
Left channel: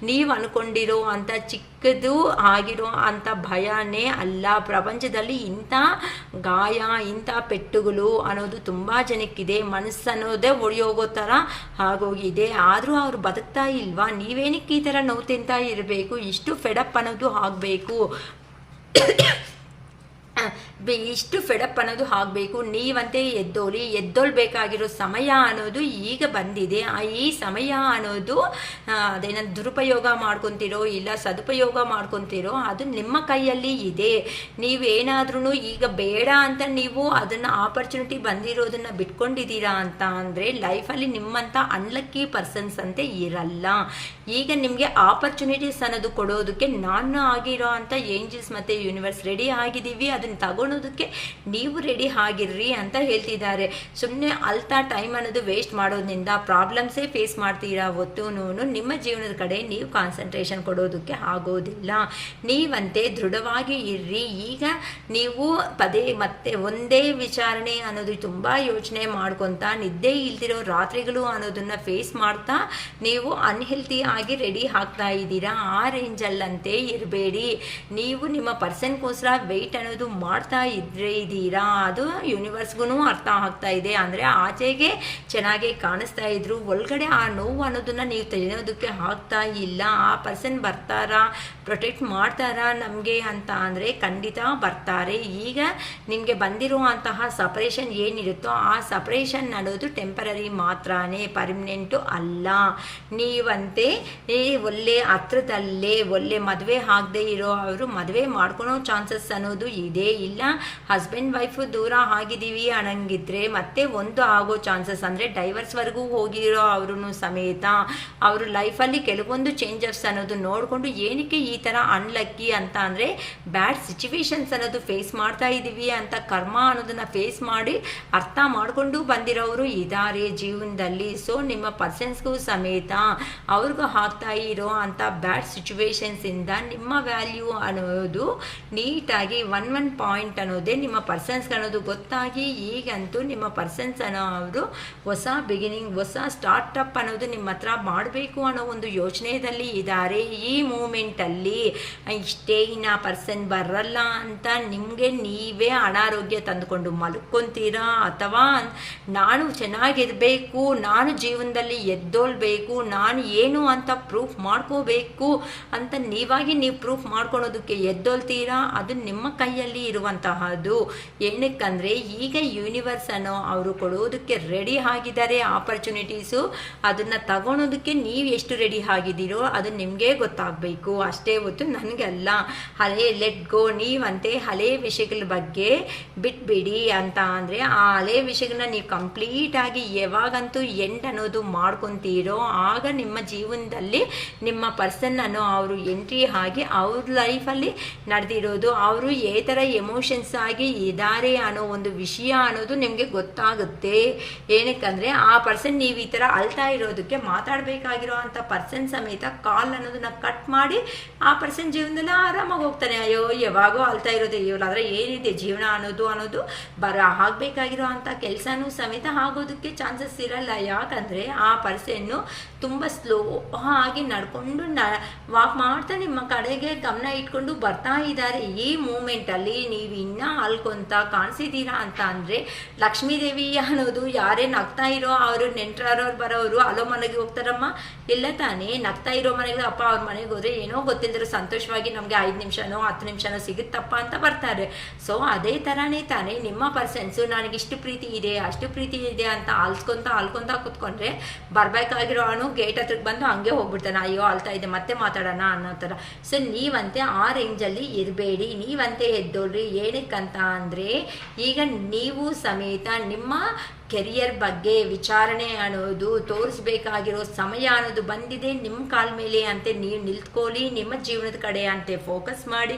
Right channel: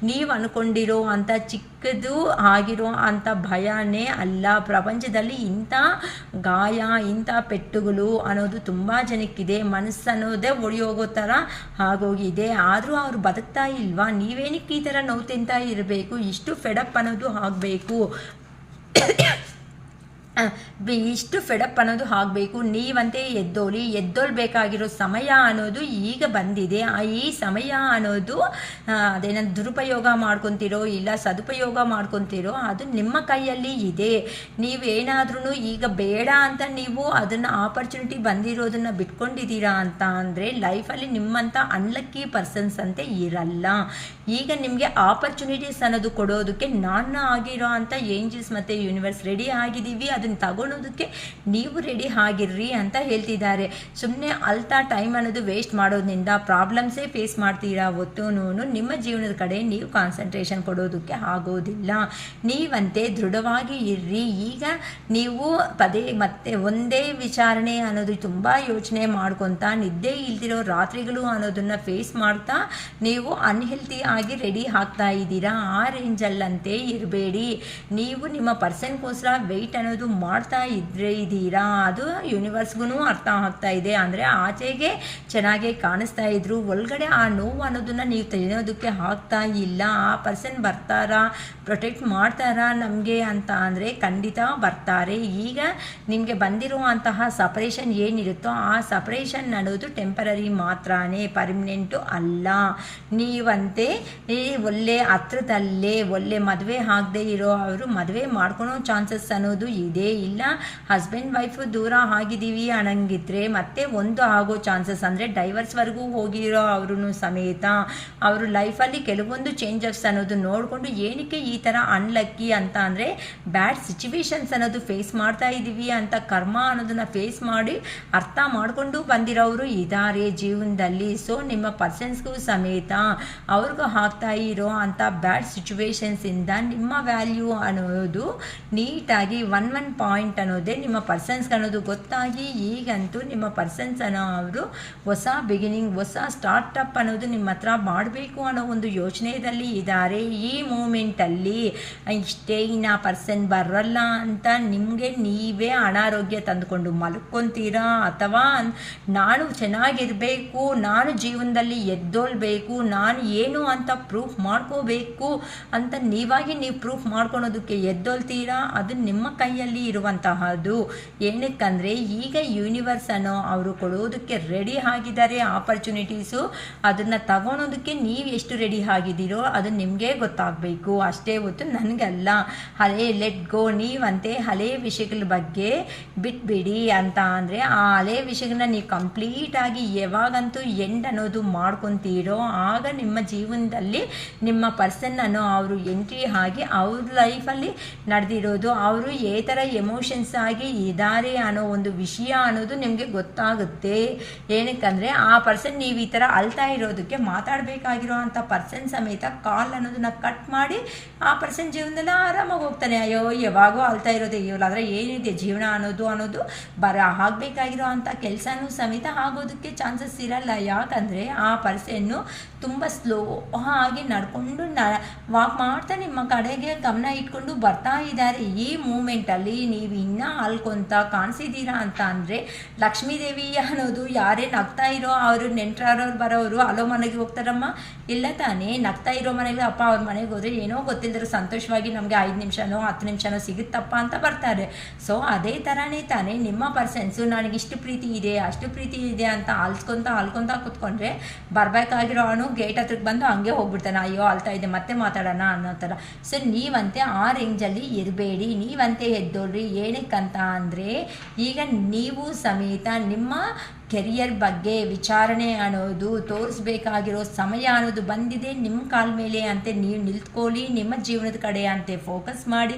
ನೀವು ಅನ್ಕೊಂಡಿರೋ ಅಂಥ ಚಿಕ್ಕದು ಆಗಿರೋ ಅಂಥ ಭಯನೇ ಅಲ್ಲ. ಪ್ರಪಂಚದಲ್ಲಿ ಇಂಥ ಗಾಯ ಇಂಥ ಪೆಟ್ಟುಗಳು ಅನ್ನೋದು ತುಂಬ ಜನಕ್ಕಿದೆ. ಮನಸ್ಸನ್ನೋದೇ ಒಡೆಯೋಗೋ ಥರ ಆಗೋಗಿದೆ. ಆದರೂ ಅವ್ರು ಬದುಕ್ತಾ ಇಲ್ವಾ? ನೀವೇನಕ್ಕೆ ಈ ಥರ ನೋವು ತಿಂತಾ ಇರಬೇಕು? ಇಷ್ಟು ಫೆಡಪ್ ಅನ್ನೋದು ಆಗಬೇಕು, ಇಷ್ಟು ಫೆಡಪ್ ಅನ್ನೋದು ಆಗಬೇಕು. ನೀವಂತೆ ಎದ್ದೋಲ್ಬೇಕಾಗಿರೋ ಸಮಯ ಅನ್ನೋದು ಈಗ ಬಂದಿದೆ. ಈ ಸಮಯ ಅನ್ನೋದು ಅದೇನೋ ದುರುಪಯೋಗ ಮಾಡ್ಕೊತಿರೋ ಇಲ್ಲ ಸದುಪಯೋಗ ಮಾಡ್ಕೊತಿರೋ ಅದು ನಿಮ್ಮ ಕೈಯಲ್ಲಿ ಇದೆ. ನೀವೇನಾದ್ರೂ ಈಗ ಬೇಡ ಅಂತ ನೀವು ಅದನ್ನು ಆಪರ್ಚುನಿಟಿ ಬಂದಿರೋದನ್ನು ಬಿಟ್ಕೊಂಡಿದ್ದೀರಾ ಅಂತ ಅಂದರೆ ಲೈಫಲ್ಲಿ ನಿಮ್ಮಂಥ ಅನ್ಲಕ್ಕಿ ಪರ್ಸನ್ಸ್ ಅಂತೆ ಇರಲ್ಲ. ಈಗ ನಿಮಗೆ ಆಪರ್ಚುನಿಟೀಸ್ ಅನ್ನೋದು ಕೊಡೋದಕ್ಕೆ ನಾನು ಆಗಿರೋ ಅಂಥ ಏಂಜಲ್ಸ್ ಮತ್ತು ಯೂನಿವರ್ಸ್ ರೆಡಿ ಆಗಿದ್ದೀವಿ. ಅದನ್ನು ತಗೊಂಡು ತಗೊಳೋದಕ್ಕೆ ನೀವು ರೆಡಿ ಆಗಿರ್ರಿ ಅಂತ ಹೇಳ್ತಿದ್ದಾರೆ. ಸುಮ್ಮನೆ ಅಲ್ತಾ ಟೈಮ್ ಅನ್ನೋದು ವೇಸ್ಟ್ ಮಾಡೋದ್ರಿಂದ ಪ್ರಾಬ್ಲಮ್ಸೇ ಫೇಸ್ ಮಾಡ್ತೀರಾ ಹೊತ್ತು ನಿಮ್ಮ ಜೀವನದ ಕಡೆ ನೀವು ಕಾನ್ಸಂಟ್ರೇಷನ್ ಕೊಡೋದಕ್ಕೆ ಆಗೋದಿಲ್ಲ. ನೀವಂತೆ ದೃಢವಾಗಿ ಇರ್ರಿ. ಈಗ ನೀವು ಪದೇ ಮತ್ತೆ ಒಂದೇ ವಿಚಾರಣೆ ಅನ್ನೋದು ತುಂಬ ಯೋಚನೆ ಮಾಡ್ಕೊತಾ ನಿದ್ದೆ ಇಲ್ದಿರೋ ರಾತ್ರಿಗಳು ಅನ್ನೋದನ್ನ ಫೇಸ್ ಮಾಡ್ತಾ ನೀವು ಅನ್ಹೆಲ್ತಿ ಆಗಿ ರೆಡಿ ಆಗ್ತಾ ಇದ್ದೀರಾ. ಆ ರೇಂಜಲ್ಲಂತೆ ಇರಬೇಡಿ. ನೀವು ನಿಮ್ಮ ಪರ್ಸನ್ಗೋಸ್ಕರ ವೆಯ್ಟ್ ಅನ್ನೋದು ಮಾಡ್ತಾ ಇದ್ದೀರಾ. ಅದು ಯೂನಿವರ್ಸ್ಗೂ ಅರ್ಥ ಆಗ್ತಾ ಇದೆ. ಅಂದರೆ ಆಚೆಗೆ ಚೆನ್ನಾಗೇ ಕಾಣಿಸ್ತಾ ಇದ್ರು, ಒಳಗಡೆ ಆ ನೋವು ಅನ್ನೋದನ್ನ ನೀವು ತೆಗೆಯೋದಕ್ಕೆ ಆಗ್ತಾ ಇಲ್ಲ. ಆ ಪರ್ಸನ್ ಬರ್ತಾರಾ, ಪ್ರೊಟೆಕ್ಟ್ ಮಾಡ್ತಾರಾ ನಮಗೆ ಅಂತ ಅಂದರೆ ಖಂಡಿತ ಬರ್ತಾರೆ. ಈಗ ನಿಮಗೆ ಬಂದಿರುವಂತಹ ಸಪರೇಷನ್ ಏನಿರುತ್ತೋ ಆ ಸಪರೇಷನ್ ಅನ್ನೋದು ಟೆಂಪರರಿ ಮಾತ್ರನೇ, ಪರ್ಮನೆಂಟು ಅಲ್ಲ. ನೀವಂತೆ ಒಳ್ಳೆ ಹತ್ರದಲ್ಲೇ ಒಳ್ಳೆ ಮದುವೆ ಆಗದೆ ಇರೋ ಅವರು ಮದುವೆ ಮಾಡ್ಕೊಳೋ ಚಾನ್ಸಸ್ ಅನ್ನೋದು ಇದೆ. ಇಲ್ಲ ಹಸ್ಬೆಂಡ್ ವೈಫು ದೂರ ಆಗಿದ್ದೀವಿ ಅನ್ನಂಗಿದ್ರೆ ಮತ್ತೆ ಒಂದು ಆಗೋ ಚಾನ್ಸಸ್, ಅಂದರೆ ಡೈವರ್ಸ್ವರೆಗೂ ಹೋಗಿರೋ ಅವರು ಸಮೇತ ಅವರು ಲೈಫಲ್ಲಿ ಕೆಲವೊಂದು ಚೇಂಜಸ್ ಅನ್ನೋದು ನೋಡಿಕೊಂಡು ಏನಕ್ಕೆ ಈ ಥರ ಅನ್ಲಕ್ಕಿ ಅಂತ ಅಂದರೆ ಬ್ಯಾಡ್ ಸಿಚುವೇಶನ್ಸ್ ಅನ್ನೋದು ಫೇಸ್ ಮಾಡ್ತಾ ಇದ್ದೀವಿ ಅಂತ ಕರ್ಮ ಅನ್ನೋದನ್ನ ಫೇಸ್ ಮಾಡಿ ಅರ್ಥ ಮಾಡಿಕೊಂಡು ಬಂದಿರೋರು ಇದ್ದಾರೆ ಜೀವನದಲ್ಲಿ. ಸೊ ನಿಮ್ಮ ಪರ್ಸನ್ಸ್ಗೂ ಸಮೇತ ಅವ್ರಿಗೂ ಆಗ್ತಾ ಇರೋ ಅಂಥ ಬ್ಯಾಡ್ ಸಿಚುವೇಶನ್ಸಿಂದ ನಿಮ್ಮ ವ್ಯಾಲ್ಯೂ ಅನ್ನೋದು ನೀಟಾಗಿ ಒನ್ ಪಾಯಿಂಟ್ ಅನ್ನೋದೇ ನಿಮ್ಮ ಪರ್ಸನ್ಸ್ಗೆ ಅನ್ನೋದು ಗೊತ್ತಾಗಿ ಈಗಂತೂ ನಿಮ್ಮ ಪರ್ಸನ್ಸ್ ಅನ್ನೋ ಅವರು ಹೊಸ ಬಿಗಿನಿಂಗ್, ಹೊಸ ಸ್ಟಾರ್ಟಪ್ ಅನ್ನೋದು ನಿಮ್ಮ ಹತ್ರ ಮಾಡಬೇಕು ಅನ್ನೋ ಒಂದು ಯೋಚನೆಯಲ್ಲಿ ಇದ್ದಾರೆ. ಈ ಮೂಮೆಂಟಲ್ಲಿ ಇಷ್ಟೇ ಇನ್ನು ಪರ್ಸನ್ ಬರಲ್ಲ ಅಂತ ನಿಮಗೆ ನೀವೇ ಅನಾರೋಗ್ಯ ತಂದುಕೊಂಡು ಮಲ್ಕೊತೀರಾ, ಅಥವಾ ನಾನು ಚೆನ್ನಾಗಿರಬೇಕು, ನಾನು ಜೀವನದಲ್ಲಿ ಎದ್ದೋಲ್ಬೇಕು, ನಾನು ಏನು ಅಂತ ಪ್ರೂಫ್ ಮಾಡ್ಕೋಬೇಕು ಅಂತ ನೀವಾಗಿ ನೀವು ಪ್ರೂಫ್ ಮಾಡ್ಕೊಳೋದಕ್ಕೆ ಎದ್ದೋಲ್ತೀರಾ. ಅದು ನಿಮ್ಮ ಕೈಯಲ್ಲಿ ಇರುವಂತಹದ್ದು. ಏನಕ್ಕಂದರೆ ಈಗ ಯೂನಿವರ್ಸ್ ಅನ್ನೋ ಅವರು ಕೊಡೋದಕ್ಕೆ ರೆಡಿ ಆಗಿದ್ದಾರೆ ಆಪರ್ಚುನಿಟೀಸು. ಅದನ್ನು ತಗೊಳೋದಕ್ಕೆ ನೀವು ಎಷ್ಟು ರೆಡಿ ಆಗಿದ್ದೀರೋ ಅದು ನಿಮಗೆ ಗೊತ್ತಾಗಬೇಕು ಅಷ್ಟೇ ಹೊತ್ತು ನನಗಲ್ಲ. ಹಳೆ ಲೆಟ್ ಗೋ. ನೀವಂತೆ ಹಳೆ ವಿಷಯಗಳ ಬಗ್ಗೆ ಬಿಟ್ಬಿಡಿ ಅಂತ ಅಂದರೆ ಆ ಹಳೆ ವಿಷಯಗಳನ್ನ ನೀವು ಕಂಪ್ಲೀಟಾಗಿ ಯಾವಾಗಂತೂ ಎಂಡ್ ಅನ್ನೋದು ಮಾಡ್ಕೊತೀರೋ ಆಗ ನಿಮ್ಮ ಜೀವನದಲ್ಲಿ ನಿಮ್ಮ ಪರ್ಸನ್ ಅನ್ನೋ ಅವರು ಎಂಟ್ರಿ ಆಗಿ ಅವ್ರ ಲೈಫಲ್ಲಿ ನಡೆದಿರೋದು, ಅವರು ಏ ಥರ ಎಮೋಷನ್ಸ್ ಆಗಿ ಇದ್ದಾರೆ ಅನ್ನೋ ಒಂದು ವಿಷಯ ಅನ್ನೋದು ನಿಮಗೆ ಗೊತ್ತಾಗುತ್ತೆ. ಏನಕ್ಕಂದರೆ ಆ ಪರ್ಸನ್ ನೀವು ಈ ಥರ ಅಳ್ತಾ ಇರೋದಕ್ಕೆ ಮಾತಾಡಬೇಕಾಗಿರೋ ಅಂಥ ಪರ್ಸನ್ ಸಮೇತ ಕಾಲ್ ಅನ್ನೋದನ್ನ ಕಟ್ ಮಾಡಿ ಆ ಪರ್ಸನ್ ಜೀವನದಲ್ಲಿ ಆರಾಮಾಗಿ ಹೋಗ್ತಾನೆ. ಅಯ್ಯೋ ಯಾವಾಗೋ ಅಳ್ತಾ ಇರೋದು ಇವಳಾದರೆ ಏನಿದೆ ಜೀವನ ಅನ್ನೋದು ಆಗಬೇಕಾಗಿರೋ ಅಂಥ ಕೆಲಸನೂ ಸಮೇತ ಆಗೋದಕ್ಕೆ ಚಾನ್ಸಸ್ ಇರಲ್ಲ. ಯಾಕಂದರೆ ಆ ಪರ್ಸನ್ನು ತುಂಬ ಸ್ಲೋ ಆಗಿ ನಡ್ಕೊಂಡು ವಾಕ್ ಮಾಡ್ತಾ ನಿಮ್ಮ ಕಡೆಗೆ ಗಮನ ಇಟ್ಕೊಂಡು ಬರ್ತಾ ಇದ್ದಾರೆ. ಈ ಮೂಮೆಂಟಲ್ಲಿ ನೀವು ಇನ್ನೂ ಅಲ್ಕೊಂತ ಕಾಣಿಸಿದ್ದೀರಾ ಅಂತ ಅಂದರೆ ಲಕ್ಷ್ಮೀದೇವಿ ಅನ್ನೋದು ಯಾರೇ ನಗ್ತಾ ಇರೋ ಅವರು ನೆಂಟರವ್ರು ಬರೋರು ಅಲ್ಲೋ ಮನೆಗೆ ಹೋಗ್ತಾರಮ್ಮ, ಇಲ್ಲ ತಾನೇ ನಗ್ತಾ ಇರೋ ಮನೆಗೆ ಅಪ್ಪ ಅವ್ರ ಮನೆಗೆ ಹೋದರೆ ಏನೋ ಗೊತ್ತಿಲ್ಲದ್ರು ಸಂತೋಷವಾಗಿ ನಮಗೆ 5 ನಿಮಿಷನೋ 10 ನಿಮಿಷನೋ ಸಿಗುತ್ತಪ್ಪ ಅಂತ ಬರ್ತಾರೆ. ಸೊ ಅದೇ ಥರನೇ ತಾನೇ ನಿಮ್ಮ ಪರ್ಸನ್ಸು ನನಗಿಷ್ಟು ಪ್ರೀತಿ ಇದೆ ಅಷ್ಟು ಪ್ರೀತಿ ಇದೆ ಅಂತ ಅಲ್ಕೊಂತ ಕೂತ್ಕೊಂಡ್ರೆ ಬರಬೇಕಾಗಿರೋ ಅವನು ಗೇಟ್ ಹತ್ರಕ್ಕೆ ಬಂದು ಹಂಗೆ ಹೋಗ್ಬಿಡ್ತಾನೆ, ಅಯ್ಯೋ ಅಳ್ತಾ ಇದೆ ಮತ್ತೆ ಮಾತಾಡೋಣ ಅನ್ನೋ ಥರ. ಸೊ ನೀವಂತೆ ಆ ರೇಂಜಲ್ಲಿ ಇರಬೇಡಿ, ನೀವಂತೆ ಎದ್ದೋಳ್ರಿ. ಏನಕ್ಕಂತ ಅಂದರೆ ಈಗ ನೀವು ಸಮೇತ ನಿಮ್ಮ ಕೆರಿಯರ್ ಬಗ್ಗೆ ವಿಚಾರಣೆ ಅನ್ನೋದು ತೋರಿಸ್ಬೇಕಾಗಿರೋ ಸಮಯ ಅನ್ನೋದು ಬಂದಿದೆ. ನಿಮ್ಮ ಕಾಲ ಮೇಲೆ ಅಂತೆ ನೀವು ನಿಲ್ತ್ಕೊಳ್ಳಿ, ನಿಮ್ಮ ಜೀವನದ ಕಡೆ ಅಂತೆ ಫೋಕಸ್ ಮಾಡಿ.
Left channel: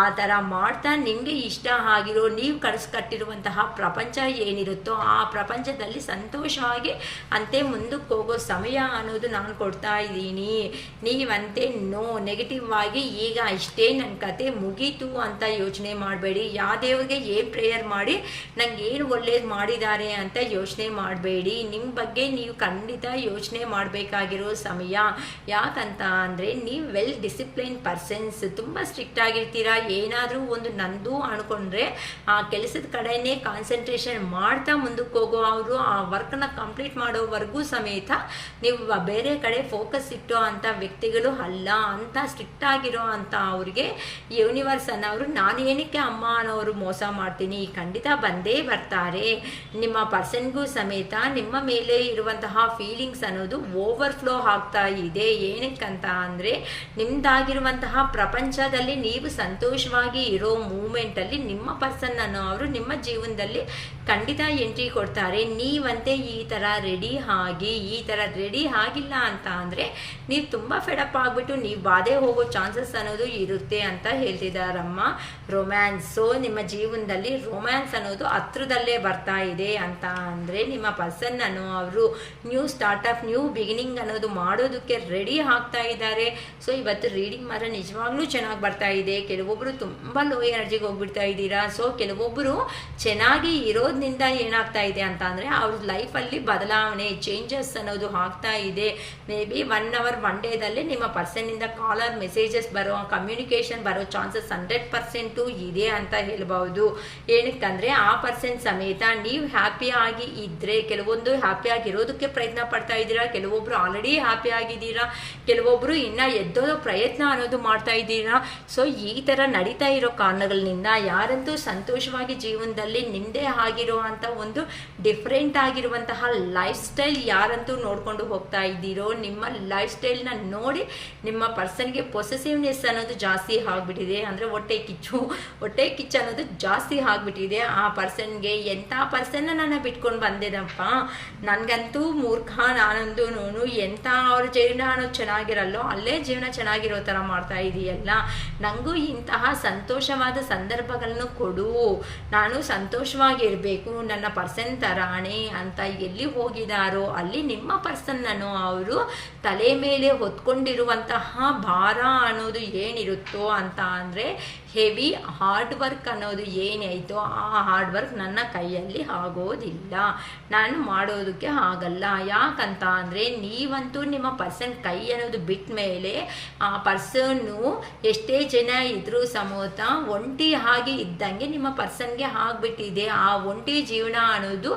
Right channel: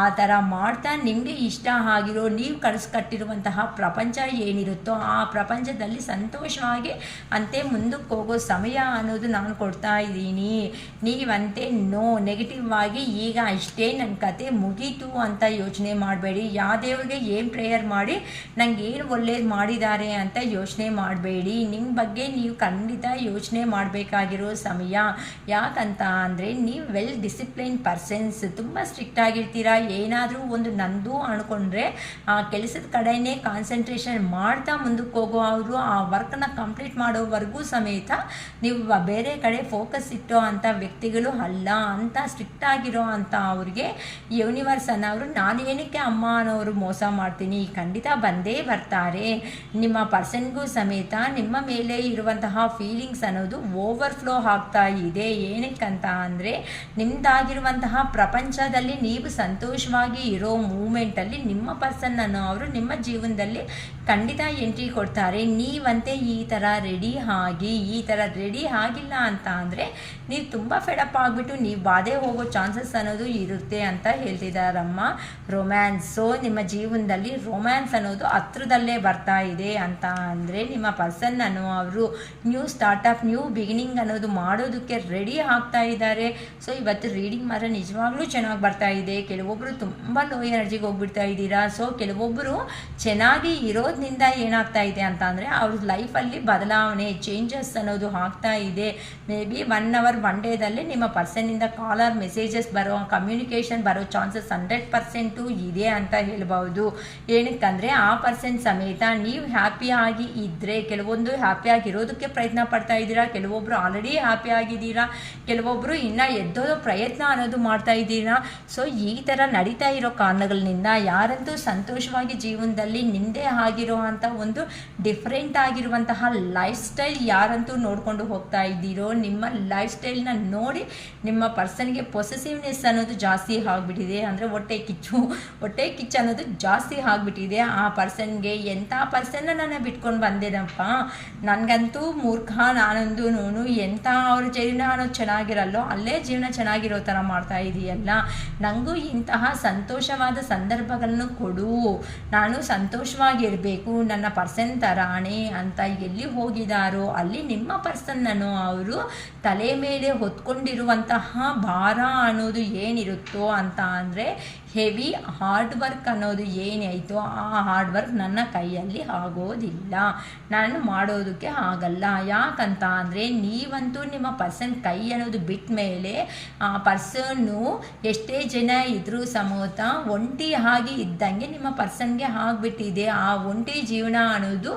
ಆ ಥರ ಮಾಡ್ತಾ ನಿಮಗೆ ಇಷ್ಟ ಆಗಿರೋ ನೀವು ಕಟ್ಟಿರುವಂತಹ ಪ್ರಪಂಚ ಏನಿರುತ್ತೋ ಆ ಪ್ರಪಂಚದಲ್ಲಿ ಸಂತೋಷವಾಗಿ ಅಂತೆ ಮುಂದಕ್ಕೆ ಹೋಗೋ ಸಮಯ ಅನ್ನೋದು ನಾನು ಕೊಡ್ತಾ ಇದ್ದೀನಿ. ನೀವಂತೆ ನೆಗೆಟಿವ್ ಆಗಿ ಈಗ ಇಷ್ಟೇ ನನ್ನ ಕತೆ ಮುಗೀತು ಅಂತ ಯೋಚನೆ ಮಾಡಬೇಡಿ. ಯಾವ ದೇವ್ರಿಗೆ ಏನು ಪ್ರೇಯರ್ ಮಾಡಿ ನಂಗೆ ಏನು ಒಳ್ಳೇದು ಮಾಡಿದ್ದಾರೆ ಅಂತ ಯೋಚನೆ ಮಾಡಬೇಡಿ. ನಿಮ್ಮ ಬಗ್ಗೆ ನೀವು ಖಂಡಿತ ಯೋಚನೆ ಮಾಡಬೇಕಾಗಿರೋ ಸಮಯ. ಯಾಕಂತ ಅಂದರೆ ನೀವು ವೆಲ್ ಡಿಸಿಪ್ಲಿನ್ ಪರ್ಸನ್ಸ್, ತುಂಬ ಸ್ಟ್ರಿಕ್ಟ್ ಆಗಿರ್ತೀರಾ. ಏನಾದರೂ ಒಂದು ನಂದು ಅಂದ್ಕೊಂಡ್ರೆ ಆ ಕೆಲಸದ ಕಡೆನೇ ಕಾನ್ಸಂಟ್ರೇಷನ್ ಮಾಡ್ತಾ ಮುಂದಕ್ಕೆ ಹೋಗೋ ಅವರು ಆ ವರ್ಕ್ನ ಕಂಪ್ಲೀಟ್ ಮಾಡೋವರೆಗೂ ಸಮೇತ ನೀವು ಬೇರೆ ಕಡೆ ಫೋಕಸ್ ಇಟ್ಟೋ ಅಂಥ ವ್ಯಕ್ತಿಗಳು ಅಲ್ಲ. ಅಂತ ಸ್ಟ್ರಿಕ್ಟ್ ಆಗಿರೋ ಅಂಥ ಅವ್ರಿಗೆ ಯೂನಿವರ್ಸ್ ಅನ್ನೋರು ನಾನು ಏನಕ್ಕೆ ಅಮ್ಮ ಅನ್ನೋರು ಮೋಸ ಮಾಡ್ತೀನಿ, ಖಂಡಿತ ಬಂದೇ ಬರ್ತಾರೆ. ನಿಮ್ಮ ಪರ್ಸನ್ಗೂ ಸಮೇತ ನಿಮ್ಮ ಮೇಲೆ ಇರುವಂತಹ ಫೀಲಿಂಗ್ಸ್ ಅನ್ನೋದು ಓವರ್ಫ್ಲೋ ಆಗ್ತಾ ಇದೆ. ಏನಕ್ಕಂತ ಅಂದರೆ ನಿಮ್ಮದಾಗಿರುವಂತಹ ಪ್ರಪಂಚದಲ್ಲಿ ನೀವು ಸಂತೋಷವಾಗಿ ಇರೋ ಮೂಮೆಂಟಲ್ಲಿ ನಿಮ್ಮ ಪರ್ಸನ್ ಅನ್ನೋ ಅವರು ನಿಮ್ಮ ಜೀವನದಲ್ಲಿ ಖಂಡಿತ ಎಂಟ್ರಿ ಕೊಡ್ತಾರೆ. ನೀವಂತೆ ಈ ಥರ ರೆಡಿ ಆಗಿ ಈ ಥರ ರೆಡಿ ಆಗಿಲ್ಲ ಅಂತ ಅಂದರೆ ನೀವು ತುಂಬ ಫೆಡಪ್ ಆಗಿಬಿಟ್ಟು ನೀವು ಬಾಧೆ ಹೋಗೋ ಚಾನ್ಸಸ್ ಅನ್ನೋದು ಇರುತ್ತೆ ಅಂತ ಹೇಳ್ತಿದ್ದಾರಮ್ಮ. ರೊಮ್ಯಾನ್ಸು ನಿಮ್ಮ ಜೀವನದಲ್ಲಿ ರೊಮ್ಯಾನ್ಸ್ ಅನ್ನೋದು ಹತ್ರದಲ್ಲೇ ಬರ್ತಾ ಇದೆ ಅಂತ ಅಂದರೆ ನಿಮ್ಮ ಪರ್ಸನ್ ಅವರು ನ್ಯೂ ಸ್ಟಾರ್ಟಪ್ ನ್ಯೂ ಬಿಗಿನಿಂಗ್ ಅನ್ನೋದು ಮಾಡೋದಕ್ಕೆ ರೆಡಿ ಆಗ್ತಾ ಇದ್ದಾರೆ. ಸೊ ಇವತ್ತು ರೀಡಿಂಗ್ ಮಾತ್ರ ನಿಜವಾಗ್ಲೂ ಚೆನ್ನಾಗಿ ಬರ್ತಾ ಇದೆ. ಕೆಲವೊಬ್ಬರು ತುಂಬ ಲೋ ಎನರ್ಜಿಗೆ ಹೋಗ್ಬಿಡ್ತಾ ಇದ್ದೀರಾ. ಸೊ ಕೆಲವೊಬ್ಬರು ಚೆನ್ನಾಗಿ ಇರೋದ್ರಿಂದ ಏನಾಗ್ತಾ ಇದೆ ಅಂತ ಅಂದರೆ ಅವ್ರ ಲೈಫಲ್ಲಿ ಬದಲಾವಣೆ ಚೇಂಜಸ್ ಅನ್ನೋದು ಆಗ್ತಾ ಇದೆ. ಮೇ ಬಿ 1 hour 1 ಡೇದಲ್ಲಿ ನಿಮ್ಮ ಪರ್ಸನ್ನಿಂದ ಕಾಲರ್ ಮೆಸೇಜಸ್ ಬರೋ ಕಮ್ಯುನಿಕೇಷನ್ ಬರೋ ಚಾನ್ಸಸ್ 100% ಇದೆ ಅಂತ ಹೇಳ್ಬೋದು. ಏನಕ್ಕಂದರೆ ಆ ಪರ್ಸನ್ ಸಮೇತ ನೀವು ಹ್ಯಾಪಿ ಆಗಿ ಇದ್ದರೆ ಕೆಲವೊಂದು ಹ್ಯಾಪಿ ಆಗಿರೋದಕ್ಕೆ ಪ್ರಯತ್ನ ಪಡ್ತಾ ಇದ್ದೀರಾ, ಕೆಲವೊಬ್ಬರು ಆಲ್ರೆಡಿ ಹ್ಯಾಪಿ ಆಗಿದ್ದೀರಾ, ಕೆಲವೊಬ್ಬರು ಇನ್ನೂ ಎದ್ದೋದೋ ಪ್ರಯತ್ನ ಅನ್ನೋದು ಮಾಡ್ತಾ ಇದ್ದೀರಾ. ಸೊ ಈ ಥರ ನಡೀತಾ ಇರೋ ಕಾರಣಗಳಿಂದ ಯಾರಂತೂ ಸಂತೋಷವಾಗಿ ಜೀವನದಲ್ಲಿ ನಿಂದೆ ಆಗಿರುವಂಥ ಒಂದು ಡಿಫ್ರೆಂಟ್ ಆಗಿರುವಂತಹ ಲೈಫ್ ಸ್ಟೈಲ್ ಯಾರಂತೂ ನೋಡ್ಕೊಂಡು ಹೋಗ್ತಾ ಇದ್ದೀರೋ ನಿಮ್ಮ ಲೈಫ್ ಸ್ಟೈಲ್ನ ನೋಡಿ ನಿಮ್ಮ ಪರ್ಸನ್ಗೆ ಪೊಸೆಸಿವ್ನೆಸ್ ಅನ್ನೋದು ಜಾಸ್ತಿ ಆಗಿಬಿಟ್ಟಿದೆ. ಅಂದರೆ ಹೊಟ್ಟೆ ಕಿಚ್ಚು ಅನ್ನೋದು ಜಾಸ್ತಿ ಆಗಿಬಿಟ್ಟಿದೆ. ಆ ಪರ್ಸನ್ಗೆ ಎಂಥ ಪರ್ಸನ್ನ ನಾನು ಬಿಟ್ಕೊಂಡು ಬಂದಿದ್ದಪ್ಪ, ನನಗಂತೂ ಮೂರ್ಖ ನಾನೊಂದು ಎಂಥ ಅವ್ರ ಜೀವನ ಅನ್ನೋದು ಚೆನ್ನಾಗಿರಲ್ಲೋ ಅಲ್ಲೇ ಜೀವನ ಚೆನ್ನಾಗಿರೋ ಥರ ಮಾಡ್ತಾ ಇದೆಯಲ್ಲ, ನನಗೂ ಇಂತಹ ಸಂತೋಷವಾದ ಸಂದರ್ಭಗಳನ್ನು ಕೊಡು, ನಾನು ಸಂತೋಷವಾಗಿರಬೇಕು ನನ್ನ ಪರ್ಸನ್ ಥರಾಣೆ ಅಂತ ಎಲ್ಲಿ ಹೋಗಿದಾರೋ ಅಲ್ಲಿ ನಿಮ್ಮ ಪರ್ಸನ್ನನ್ನು ಅವರು ತಲೆ ಮೇಲೆ ಹೊತ್ಕೊಂಡಿರುವಂತಹ ಭಾರ ಅನ್ನೋದು ಏನಿರುತ್ತೋ ಅಂತ ಅಂದರೆ ಹೆವಿ ಹಾರ್ಡ್ ವರ್ಕ್ ಅನ್ನೋದು ಏನಾಯಿತೋ ಆ ಹಾರ್ಡ್ ವರ್ಕ್ ನನ್ನ ಕೈಯಲ್ಲಿ ಆಗೋದಿಲ್ಲ, ನಾನು ಮಾಡೋದಕ್ಕೆ ಆಗಲ್ಲ. ಯಾಕಂತ ಅಂದರೆ ನೀವಂತೂ ನಿಮ್ಮ ಪರ್ಸನ್ ಕೈ ಅನ್ನೋದು ಬಿಟ್ಟ ಮೇಲೆ ಆ ಪರ್ಸನ್ನು ಎಷ್ಟೇ ಜನ ಇದ್ರೂ ಸಮೇತ ಒಂಟಿ ಆಗಿ ಇದ್ದಂಗೆ ನಿಮ್ಮ ಪರ್ಸನ್ಗೆ ಆಗಿಬಿಟ್ಟಿದೆ. ಆ ಒಂಟಿ ಜೀವನ ಅನ್ನೋದು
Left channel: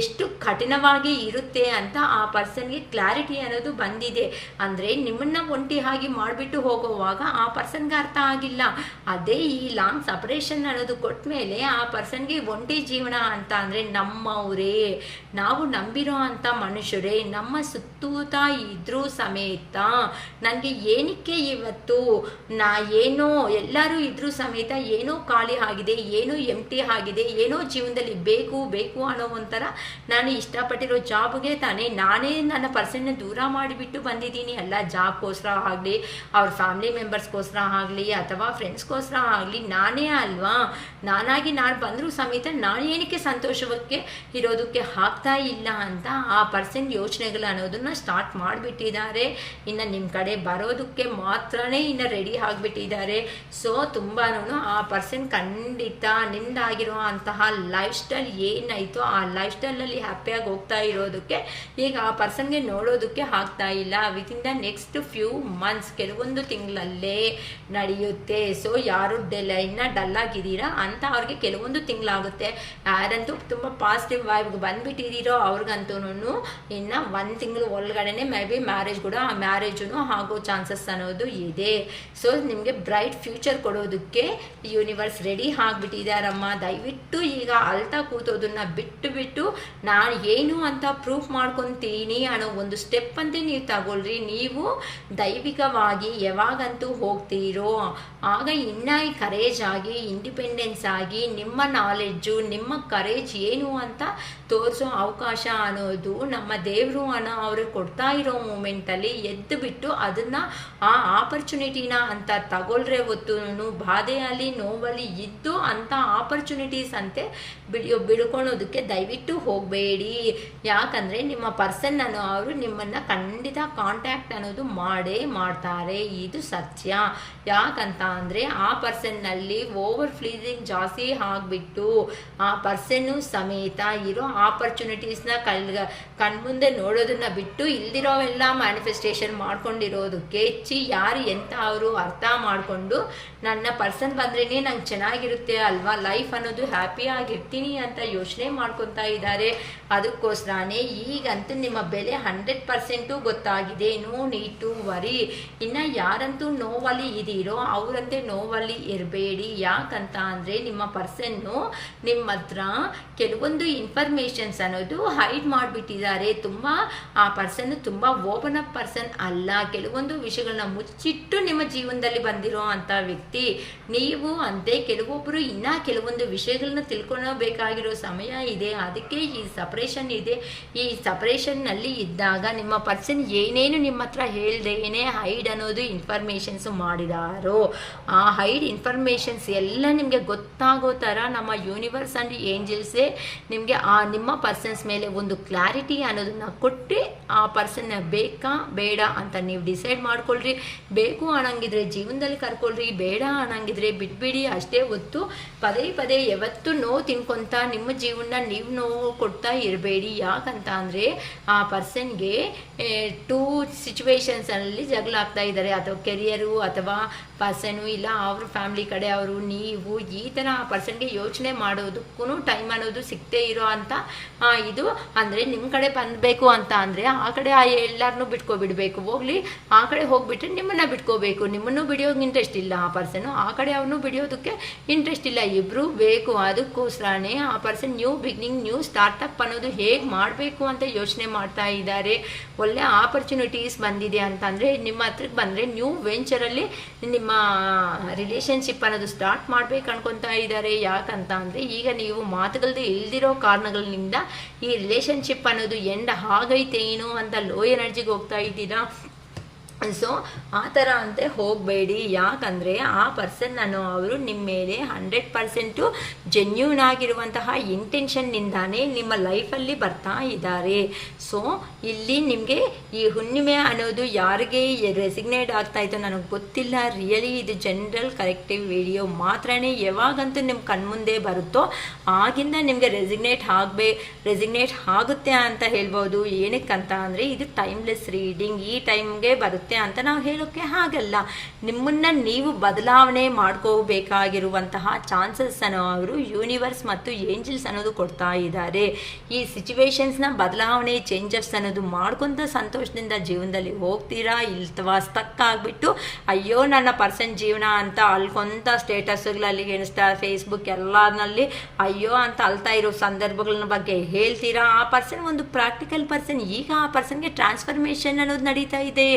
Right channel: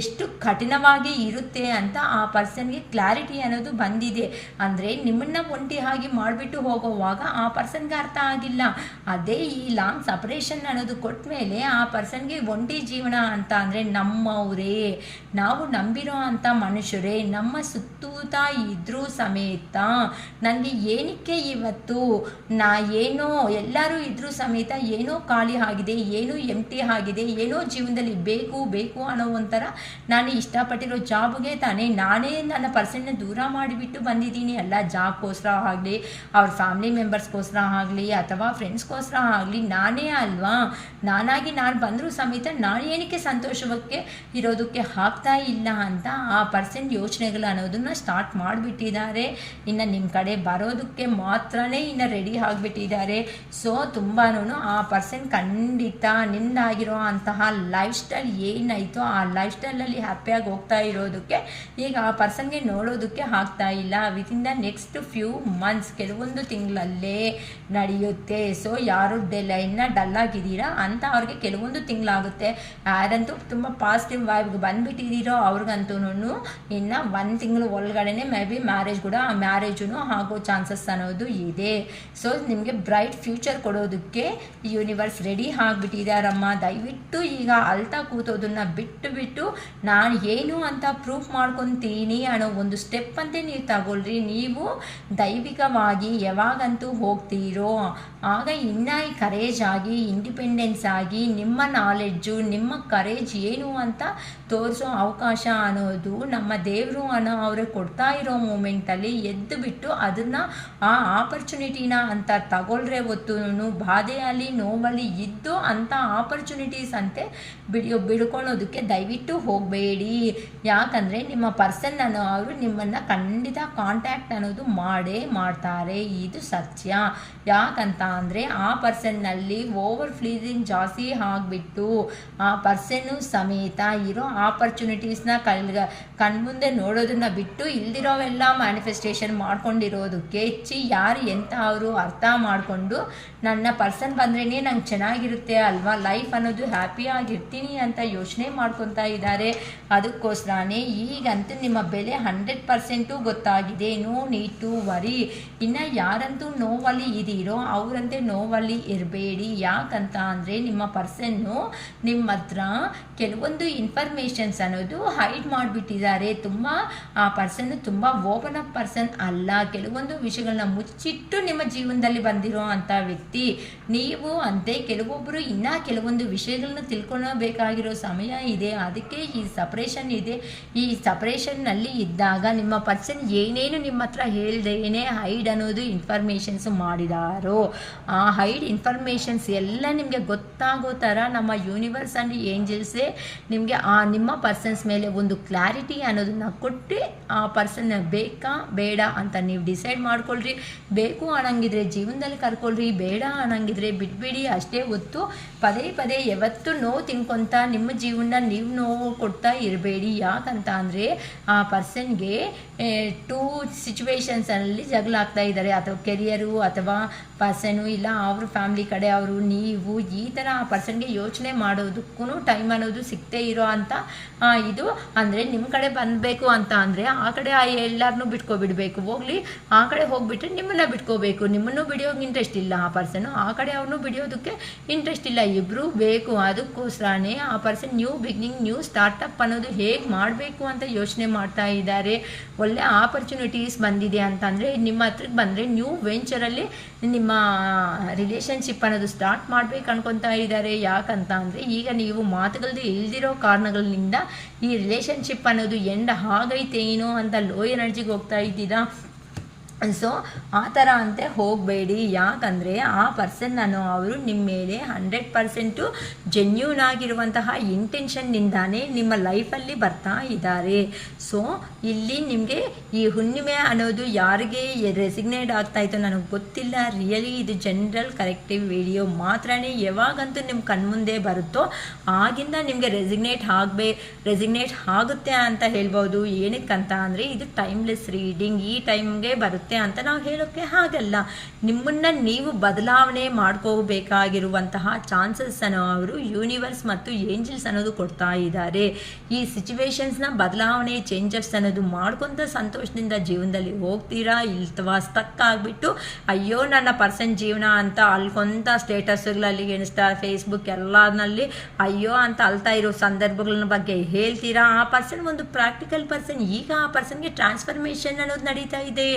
ಎಷ್ಟು ಕಠಿಣವಾಗಿ ಇರುತ್ತೆ ಅಂತ ಆ ಪರ್ಸನ್ಗೆ ಕ್ಲಾರಿಟಿ ಅನ್ನೋದು ಬಂದಿದೆ. ಅಂದರೆ ನಿಮ್ಮನ್ನ ಒಂಟಿ ಆಗಿ ಮಾಡಿಬಿಟ್ಟು ಹೋಗುವಾಗ ಆ ಪರ್ಸನ್ಗೆ ಅರ್ಥ ಆಗಿಲ್ಲ. ಅದೇ ಈ ಲಾಂಗ್ ಸಪರೇಷನ್ ಅನ್ನೋದು ಕೊಟ್ಟ ಮೇಲೆ ಆ ಪರ್ಸನ್ಗೆ ಒಂಟಿ ಜೀವನ ಅಂತ ಅಂದರೆ ನಮ್ಮವರೇ, ನಾವು ನಂಬಿರೋ ಅಂಥ ಮನುಷ್ಯರೇ ನಮ್ಮ ಸುತ್ತೂತ ಇದ್ರೂ ಸಮೇತ ನನಗೆ ಏನಕ್ಕೆ ಇವತ್ತು ಏನೋ ಎಲ್ಲರೂ ಇದ್ರೂ ಸಮೇತ ಏನೋ ಖಾಲಿ ಆಗಿದೆ, ಏನೋ ಎಂಟಿ ಆಗಿದೆ, ಏನೋ ಜೀವನದಲ್ಲಿ ಬೇಕು ಅನ್ನೋ ಒಂಥರ ನಾನು ಇಷ್ಟಪಟ್ಟಿರೋ ಜಾಬ್ಗೆ ತಾನೇ ನಾನೇ ನನ್ನ ಪರ್ಸನ್ನ ದೂರ ಮಾಡಿಬಿಟ್ಟು ಬಂದಿದ್ದೀನಿ. ಎಲ್ಲ ಜಾಬ್ಗೋಸ್ಕರ ಆಗಲಿ ಅವ್ರ ಫ್ಯಾಮಿಲಿ ಮೆಂಬರ್ಸ್ಗೋಸ್ಕರ ಆಗಲಿ ಅಥವಾ ಫ್ರೆಂಡ್ಸ್ಗೋಸ್ಕರ ಆಗಲಿ ನಾನೇ ಅಲ್ವಾ, ನಾನಾಗಿ ನಾನು ಬಂದರೂ ಸಮೇತ ನಾನು ಏನಕ್ಕೆ ಸಂತೋಷಕ್ಕೆ ಇರೋದಕ್ಕೆ ಆಗ್ತಾ ಇಲ್ಲ ಅಂತ ಆ ಪರ್ಸನ್ ಯೋಚನೆಗಳು ಅನ್ನೋದನ್ನ ಸ್ಟಾರ್ಟ್ ಮಾಡಿಬಿಟ್ಟಿದ್ದಾರೆ. ಇನ್ನು ನಿಮ್ಮ ಕಡೆ ಬರೋದಕ್ಕೆ ಮಾತ್ರನೇ ಇನ್ನು ರೆಡಿ ಆಗಿಬಿಟ್ಟಿದ್ದಾರೆ. ಸೊ ತುಂಬಾ ಆ ಪರ್ಸನ್ ಖಂಡಿತ ನಿಮ್ದಾಗಿರೋ ಅಂತಹ ಲೈಫ್ ಸ್ಟೈಲ್ ಏನಾಯಿತೋ ಆ ಲೈಫ್ ಸ್ಟೈಲಲ್ಲಿ ಹ್ಯಾಪಿಯಾಗಿ ಹೋಗ್ತಾ ಇರೋದಕ್ಕೆ ಈಗ ಆ ಪರ್ಸನ್ಗೆ ನೋಡೋದಕ್ಕೆ ಆಗ್ತಾ ಇಲ್ಲ. Within the next few months ಕೆಲವೊಂದು ತಿಂಗಳಲ್ಲೇ ನಡೆಯುತ್ತೆ. ಸೊ ಯಾರು ಇನ್ನು ಡಲ್ ಆಗಿದ್ದೀರಾ ಅಂತ ಅವ್ರಿಗೆ ಕೆಲವೊಂದು ತಿಂಗಳಾಗುತ್ತೆ. ಯಾರಂತೂ ತುಂಬ ಪಾಸಿಟಿವ್ ವೈಬ್ಗೆ ಬಂದುಬಿಟ್ಟಿದ್ದೀರೋ ಅವ್ರಿಗಂತೂ ಇನ್ನು 1 ತಿಂಗಳು ಒಳಗಡೆ ಮೇ ಬಿ ಮ್ಯಾರೇಜ್ ಕೂಡ ಆ ಮ್ಯಾರೇಜು ಆಗೋ ಚಾನ್ಸಸ್ ಅನ್ನೋದು ಇದೆ. ಸೊ ನಿಮಗೆ ಬ್ರೈಟ್ ಫ್ಯೂಚರ್ ಕೊಡೋದಕ್ಕೆ ಯೂನಿವರ್ಸ್ ರೆಡಿ ಆಗಿಬಿಟ್ಟಿದ್ದಾರಮ್ಮ. ದಯವಿಟ್ಟು ಈಗ ಅಳ್ತಾ ಕೂತೋದನ್ನ ಬಿಟ್ಟು ನಾನು ಏನು ಅಂತ ಪ್ರೂಫ್ ಮಾಡ್ಕೊತೀನಿ ಅನ್ನೋ ಒಂದು ಸ್ಟೆಪ್ ಅಂತ ನೀವು ತಗೊಳ್ರಿ. ನೀವು ದೈವಿಕವಾಗಿ ಯಾವಾಗಂತೂ ಹೋಗ್ತೀರೋ ಆಗ ಇನ್ನ ಕರೇಜ್ ಆಗಿ ಇಂಡಿಪೆಂಡೆನ್ಸ್ ಆಗಿ ನಿಮ್ಮ ನಾಲೆಡ್ಜು ನಿಮ್ಮ ಕರೇಜ್ ಏನು ಅಂತ ತೋರಿಸೋ ಅವಕಾಶ ಅನ್ನೋದು ನಮ್ಮ ದೇವರು ಅವ್ರಿಗೆ ಕೊಡ್ತಾ ಇರೋ ಮೂಮೆಂಟಲ್ಲಿ ಎದ್ದು ಬಿಟ್ಟು ಅದನ್ನು ಆ ಆಪರ್ಚುನಿಟಿನ ಅಂತ ತಗೊಳ್ರೆ ಹೊತ್ತು ಬಾಧೆಯಲ್ಲಿ ನೋವಲ್ಲಿ ಇದ್ದು ಅಂಥ ಆಪರ್ಚುನಿಟೀಸ್ ಅಂತೆ ಬಿಡ್ಕೊಳ್ಳೋದಕ್ಕೆ ದಯವಿಟ್ಟು ಹೋಗಬೇಡಿ. ಯಾಕಂದರೆ ನಿಮ್ಮ ಪರ್ಸನ್ ಅವರು ನಿಮ್ಮನ್ನು ಖಂಡಿತ ಕಾಂಟ್ಯಾಕ್ಟ್ ಅನ್ನೋದು ಮಾಡೇ ಮಾಡ್ತಾರೆ, ಇದು ಸತ್ಯ. ಯಾಕಂತ ಅಂದರೆ ಆ ಪರ್ಸನ್ನಲ್ಲಿ ಓವರ್ ಫ್ಲೀಸಿಂಗ್ ಜಾಸ್ತಿ ಆಗಿಬಿಟ್ಟು ಆ ಪರ್ಸನ್ನು ಸಮೇತ ಇರೋ ಆಪರ್ಚುನಿಟೀಸ್ನ ಕಣ್ಮುಂದೆ ನೋಡೋದನ್ನ ಬಿಟ್ಟು ಇಲ್ದಿರೋವೆಲ್ಲ ಮ್ಯಾನಿಫೆಸ್ಟೇಷನ್ ಮಾಡ್ಕೊಂಡಿರೋದಕ್ಕೆ ಯಾರು ಎಂತ ಅವರು ಅರ್ಥ ಮಾಡಿಕೊಂಡು ನನ್ನ ಪರ್ಸನ್ ಬಂದ್ರೇ ನಂಗೆ ಚೆನ್ನಾಗಿರುತ್ತೆ ಅಲ್ವಾ, ಲೈಫ್ ಅನ್ನೋದು ಹ್ಯಾಪಿಯಾಗಿರ್ತೀನಿ ಅಂತ ಯೋಚನೆ ಮಾಡ್ಕೊತಾ ಇದ್ದಾರೆ. ಅದಕ್ಕೋಸ್ಕರನೇ ಈಗಂತೂ ನಿಮ್ಮ ಬೆಲೆ 100% ಗೊತ್ತಾಗಿದೆ. No need to worry. ಇನ್ನು ಯಾರಂತೂ ನೋವಲ್ಲಿ ಇದೀರೋ ಅವರಂತೆ ನೋವಲ್ಲಿ ಇರಬೇಡಿ. ಯಾಕಂತ ಅಂದರೆ ನಿಮ್ಮ ಪರ್ಸನ್ನು ನಿಮ್ಮ ಹತ್ರ ಕೆಲವೊಂದು ಇನ್ಫಾರ್ಮೇಷನ್ಸ್ ಅನ್ನೋದು ಹೈಡ್ ಮಾಡಿಬಿಟ್ಟಿದ್ದಾರೆ. ತುಂಬ ಆ ಪರ್ಸನ್ ತುಂಬ ಓಪನ್ ಅಪ್ ಪರ್ಸನ್ ಅಲ್ಲ, ಕೆಲವೊಂದು ವಿಷಯಗಳನ್ನ ಮುಚ್ಚಿಟ್ಟು ನಿಮ್ಮ ಜೀವನದಲ್ಲಿ ಬಂದಿರೋ ಅಂಥ ವ್ಯಕ್ತಿ. ನೀವು ಅಂತೆ ಕೆಲವೊಬ್ಬರು ಇನ್ನೂ ಕೆಲವೊಂದು ವಿಷಯಗಳನ್ನ ತಿಳ್ಕೊಳ್ಬೇಕಾಗಿ ಬೇಕಾಗಿರೋ ಸಮಯ ಇದೆ, ಅದಕ್ಕೆ ಈ ಸಪ್ರೇಷನ್ ಇದೆ. ಈ ಸಪ್ರೇಷನ್ನಲ್ಲಿ ಇದ್ದಾಗ ನಿಮ್ಮ ಪರ್ಸನ್ ಏನೇನು ನಿಮ್ಮ ಹತ್ರ ಹೇಳ್ದೇನೆ ಹೈಡ್ ಅನ್ನೋದು ಇನ್ಫಾರ್ಮೇಷನ್ಸ್ ಮಾಡಿದಾರೋ ಆ ಹೈಡ್ ಇನ್ಫಾರ್ಮೇಷನ್ಸ್ ಎಲ್ಲ ನಿಮಗೆ ಗೊತ್ತಾಗೋ ಥರ ನಮ್ಮ ಯೂನಿವರ್ಸ್ ಆ್ಯಂಡ್ ಏಂಜಲ್ಸೇ ನಿಮಗೆ ಆ ನಿಮ್ಮ ಪರ್ಸನ್ಸ್ ಮೇಲೆ ಒಂದು ಕ್ಲಾರಿಟಿ ಅನ್ನೋದನ್ನ ಕೊಟ್ಟು ಆ ಪರ್ಸನ್ನ ಬೇಕಾ ಬೇಡ ಅಂತ ನೀವು ಡಿಸೈಡ್ ಮಾಡ್ಕೊಳ್ರಿ. ಬೇಕು ಅನ್ನಂಗಿದ್ರೆ ಜೀವನದಲ್ಲಿ ಕರ್ಕೊಳ್ರಿ, ಬೇಡ ಅನ್ನಂಗಿದ್ರೆ ಬಿಟ್ಬಿಡಿ. ಅಷ್ಟೇ ಹೊತ್ತು ಪದೇ ಪದೇ ಯಾವತ್ತೂ ನೋವು ತಿನ್ಕೊಂತ ನಿಮ್ಮ ಜೀವನ ನೀವು ನೋವು ಕೊಡ್ತಾ ಇರಬೇಡಿ. ಯಾಕಂತ ಅಂದರೆ ಆ ಪರ್ಸನ್ಗೆ 2 ಸಿಚುವೇಶನ್ಸಲ್ಲಿ ಜಗಳ ಆಗ್ತಾ ಇದ್ದಾರೆ, ಅಥವಾ ಕೆರಿಯರು ಅಥವಾ ಪರ್ಸನು, ಇಲ್ಲ ಅವ್ರ ಫ್ಯಾಮ್ಲಿ ಕಡೆ ಅವರು ನೀವು ಈ ಥರ ಆ ಪರ್ಸನ್ಗೆ ಯೋಚನೆ ಮಾಡೋದಕ್ಕೂ ಟೈಮ್ ಅನ್ನೋದು ಸಿಗ್ತೇ ಇರೋ ಅಂತ ಇದು ಅಂದರೆ ನಿಮ್ಮ ಕಡೆ ಬಂದಬೇಕು ಅಂತ ಅಂದರೆ ಆ ಕಡೆ ಎಲ್ಲರನ್ನೂ ಬಿಟ್ಕೊಬಿಡ್ಬೇಕು. ಹೋಗ್ಲಿ ಆ ಕಡೆ ಹೋಗ್ಬಿಟ್ರೆ ನಿಮ್ಮನ್ನು ಬಿಟ್ಕೋಬೇಕು. ನಿಮ್ಮನ್ನು ಬಿಡಿಯೋಕೆ ಇಂಟ್ರೆಸ್ಟ್ ಇಲ್ಲ ಆ ಪರ್ಸನು, ಆ ಕಡೆ ಅವ್ರನ್ನೂ ಬಿಡಿಯೋದಕ್ಕೆ ಇಂಟ್ರೆಸ್ಟ್ ಇಲ್ಲ. ಇಬ್ಬರು ಬೇಕು. ಅದಕ್ಕೋಸ್ಕರನೇ ಆ person new beginning, new startup ಅನ್ನೋದು ಹೇಗೆ ಮಾಡಬೇಕು ಅಂತ ಯೋಚನೆ ಮಾಡ್ತಾ ಇದ್ದಾರೆ. ಒಳ್ಳೆ ಆಪರ್ಚುನಿಟೀಸ್ ಬಂದಿದೆ ಅಂತಂದರೆ ನಿಮ್ಮ ಹತ್ರಕ್ಕೆ ಬಂದರೆ ನ್ಯೂ ವೆಂಚರಲ್ಲಿ ನಿಮ್ಮ ರಿಲೇಷನ್ಶಿಪ್ ಅನ್ನೋದು ಸ್ಟಾರ್ಟ್ ಮಾಡ್ಬೇಕು ಅನ್ಕೊತಾ ಇದ್ದಾರೆ. ಯಾಕಂತ ಅಂದರೆ ಈಗ ನೀವು ಮಾತುಗಳದ್ದು ಇಲ್ದಿರೋ ಕಾರಣಗಳಿಂದ ಈ ರಿಲೇಷನ್ಶಿಪ್ ಅನ್ನೋದು ಎಂಡ್ ಆಗೈತೇನೋ ಅಂತ ಲೋ ಎನರ್ಜಿಗೆ ಹೋಗ್ತಾ ಇದ್ದೀರಾ. ಸೊ ಆ ಥರ ಅಂತೆ ಹೋಗಬೇಡಿ. ಯಾಕಂದರೆ ಆ ಪರ್ಸನ್ ಅವರು ನಿಮ್ಮ ಮೇಲೆ 100% ಜೆನ್ಯೂನ್ ಆಗಿರುವಂತಹ ಇಂಟೆನ್ಷನ್ನಿಂದಾನೇ ನಿಮ್ಮ ಲೈಫಲ್ಲಿ ಬರ್ತಾ ಇದ್ದಾರೆ. ಸೊ ಇಲ್ಲಿ ನಿಮಗೆ ಈ ಹುಣ್ಣಿಮೆ ಅನ್ನೋದು ಯಾರಿಗೆ ರೆಸಿಗ್ನೇಟ್ ಆಗ್ತಾ ಇತ್ತು ನನಗೆ ಗೊತ್ತಿಲ್ಲ. ರಿಯಲಿ ಇದು ಜನರಲ್ ಕರೆಕ್ಟಿವ್ ವಿಡಿಯೋ ಮಾತ್ರನೇ. ಯಾವಾಗಂತೂ ನಿಮ್ಮ ಕಣ್ಮುಂದೆ ಬರುತ್ತೋ ಆಗಿಂದ ನಿಮಗೆ ರೆಸಿಗ್ನೇಟ್ ಆಗುತ್ತೆ ಅಂತ ಹೇಳ್ಬೋದು. ಏನಕ್ಕಂತ ಅಂದರೆ ಇದು ಟೈಮ್ಲೆಸ್ ರೀಡಿಂಗ್, ಈ ಟೈಮ್ಗೆ ಬರುತ್ತೆ ಅಂತ ನಾವು ಹೇಳೋಕ್ಕೆ ಹಾಗಲ್ಲ. ನಿಮ್ಮನ್ನ ನೀವು ಬದಲಾವಣೆ ಮಾಡ್ಕೋಬೇಕಾಗಿರುವಂತಹ ಚಾನ್ಸಸ್ ಅನ್ನು ಅವರು ಯೂನಿವರ್ಸ್ ಮತ್ತು ಏಂಜಲ್ಸ್ ಅನ್ನೋದು ಕೊಡ್ತಾ ಇದ್ದಾರೆ. ಈ ಸಿಚುವೇಶನ್ಸ್ನ ಬದಲಾವಣೆ, ಚೇಂಜಸ್ ಅನ್ನೋದು ಮಾಡ್ಕೊಂತ ಸಂತೋಷದಿಂದ ಜೀವನದಲ್ಲಿ ಹೋಗ್ತೀರಾ. ಇಲ್ವಾ ಸ್ಟಕ್ ಆಗಿಬಿಟ್ಟು ಅಯ್ಯೋ ನನ್ನ ಪರ್ಸನ್ ಜೀವನ ಅಂತ ಅಲ್ಕೊಂತ ಸ್ಟೇಟಸ್ಗಳಲ್ಲಿ ಎಣಿಸ್ತಾ ಫೇಸ್ಬುಕ್ ಎಲ್ಲನಲ್ಲಿ ಅಯ್ಯೋ ಅಂತ ಅಳ್ತಾ ಇರೋ ಸಂದರ್ಭಗಳ ಬಗ್ಗೆ ಹೇಳ್ತೀರಾ. ಆ ಪರ್ಸನ್ ಒಂದು ಪ್ರಾಕ್ಟಿಕಲ್ ಪರ್ಸನ್. ಈಗ ಆ ಪರ್ಸನ್ಗೆ ಟ್ರಾನ್ಸ್ಫರ್ಮೇಷನ್ ಅನ್ನೋದು ನಡೀತಾ ಇದೆ.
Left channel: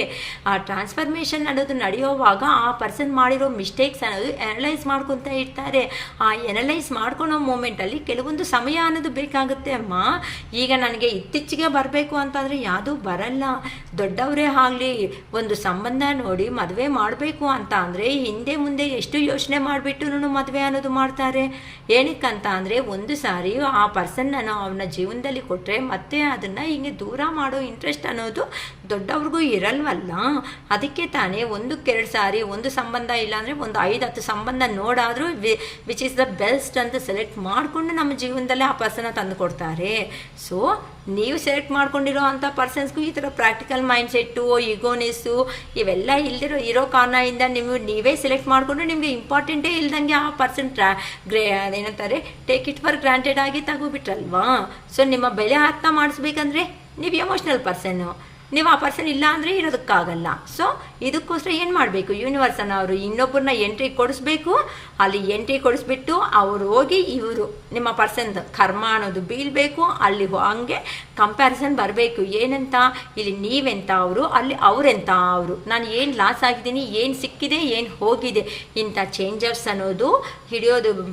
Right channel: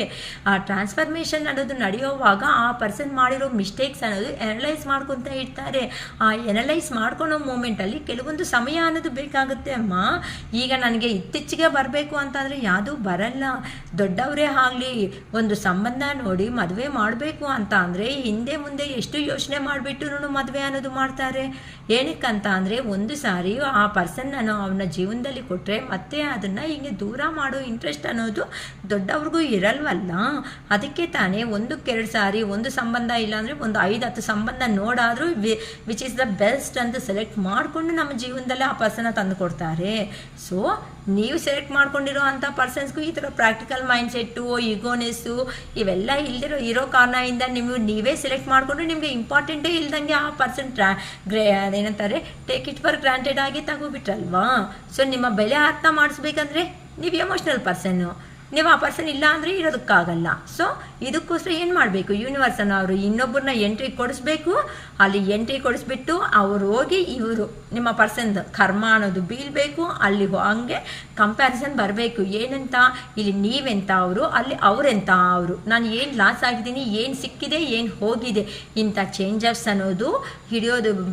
ಆ ಟ್ರಾನ್ಸ್ಫರ್ಮೇಷನ್ ಅನ್ನೋದು ನಡೆಯುವಾಗ ಆ ಪರ್ಸನ್ ಮಾಡಿರೋ ಮಿಸ್ಟೇಕ್ಸ್ ಅನ್ನೋದು ಎನಲೈಸ್ ಮಾಡ್ಕೊತಾ ಇರ್ತಾರೆ. ಆ ಎನಲೈಸ್ ಮಾಡ್ಕೊಳೋ ಮೂಮೆಂಟಲ್ಲಿ ಕೆಲವೊಂದು ಸಮಯ ಅನ್ನೋದು ಬೇಕಾಗುತ್ತೆ. ಅಮ್ಮ ಈಗ ನನಗೆ ಇತ್ತೀಚೆಗೆ ಬರಬೇಕು ಅಂತಂದರೆ ಯಾವುದೂ ಬರಲ್ಲ. ದೊಡ್ಡವರೇ ಆಗಲಿ ಒಂದು ಸಂಬಂಧ ನೋಡಿ ಮದುವೆ ಮಾಡಬೇಕು ಅಂತ ಅಂದರೆ ಹಿಂದೆ ಮುಂದೆ ಎಷ್ಟು ಯೋಚನೆ ಮಾಡಿಬಿಟ್ಟು ಮದುವೆ ಅನ್ನೋದು ಮಾಡ್ತಾರೆ. ಏನಕ್ಕಂತ ಅಂದರೆ ಒಂದು ಸಾರಿ ಆ ಪರ್ಸನ್ನ ಅವನ ಜೀವನದಲ್ಲಿ ಕೊಟ್ಟರೆ ಮತ್ತೆ ಅದನ್ನು ಹಿಂಗೆ ದೂರ ಮಾಡೋ ಇಂಟ್ರೆಸ್ಟ್ ಅನ್ನೋದು ದೊಡ್ಡವ್ರಿಗೂ ಇರಲ್ವಲ್ಲ. ಅದಕ್ಕೆ ತಾನೇ 1-2 ಸಾರಿ ಒಂದು ಸಂಬಂಧ ಇಲ್ಲಾಂದರೆ ಒಂದು 5-10 ಸಂಬಂಧ ನೋಡಾದರೂ ವಿಚ್ ಇಸ್ ದ ಬೆಸ್ಟ್ ಅಂತ ಸೆಲೆಕ್ಟ್ ಮಾಡಿಕೊಂಡು ನಮ್ಮ ಜೀವನದಲ್ಲಿ ಆ ಪರ್ಸನ್ನ ತಂದು ಕೊಡ್ತಾರೆ. ಸೊ ನೀವು ಸೆಲೆಕ್ಟ್ ಮಾಡ್ಕೊಂಡಿರೋ ಅಂಥ ಪರ್ಸನ್ಸ್ಗೂ ಈ ಥರ ಪ್ರಾಕ್ಟಿಕಲ್ ಮೈಂಡ್ಸೆಟ್ಟು, ಈಗೋನೆಸ್ಸು ಇವೆಲ್ಲ ಇರೋ ಕಾರಣದಿಂದ ನೀವೇ ಸೆಲೆಕ್ಟ್ ಮಾಡಿಕೊಂಡು ನಿಮಗೆ ಇಂಪಾರ್ಟೆಂಟೇ ಇಲ್ದಂಗೆ ಆ ಪರ್ಸನ್ ಅದೇನಂತಾರೆ ಟೇಕ್ ಇಟ್ ಫಾರ್ ಗ್ರಾಂಟೆಡ್ ಆಗಿ ತಗೋಬಿಟ್ರಲ್ವಾ. ಸೊ ನಿಮ್ಮ ಬೆಲೆ ಅರ್ಥ ಮಾಡಿಸ್ಬೇಕಂದ್ರೆ ನೀವು ಎಮೋಷ್ನಲ್ ಪರ್ಸನ್ನು, ನೀವು ಆ ಪರ್ಸನ್ ಇಲ್ಲ ಅಂದರೆ ಇರೋದಕ್ಕಾಗಲ್ಲ. ಸೊ ಇದಕ್ಕೋಸ್ಕರ ಏನು ಮಾಡಬೇಕು, ಯೂನಿವರ್ಸನ್ನು ಅವರು ಇನ್ನೊಬ್ಬರನ್ನ ಎಂಟ್ರಿ ಕೊಡಿಸ್ಬೇಕು. ಅಲ್ಲಿ ಎಂಟ್ರಿ ಕೊಡಿಸ್ಬಿಟ್ಟು ಅವ್ರು ಹೋಗಿ ಇವರು ನಿಮ್ಮ ಪರ್ಸನ್ದು ಕರ್ಮ ಅನ್ನೋದು ಬೀಳಬೇಕು. ಅಲ್ಲಿ ಹಂಗೆ ಕಂಪ್ಯಾರಿಸನ್ ಬರಬೇಕು. ಏನಂತ ಇಲ್ಲಿ ನೀವೆಂತ ಅವರು, ಅಲ್ಲಿ ಅವರೆಂತ ಅವರು, ನಾನು ಏನು ಲಾಸ್ ಆಗಿದ್ದೀನಿ, ಏನು ಸಿಕ್ಕಿದೆ, ಏನು ಹೋಗಿದೆ, ಇಂಥ ಚೇಂಜಸ್ ಅನ್ನೋದು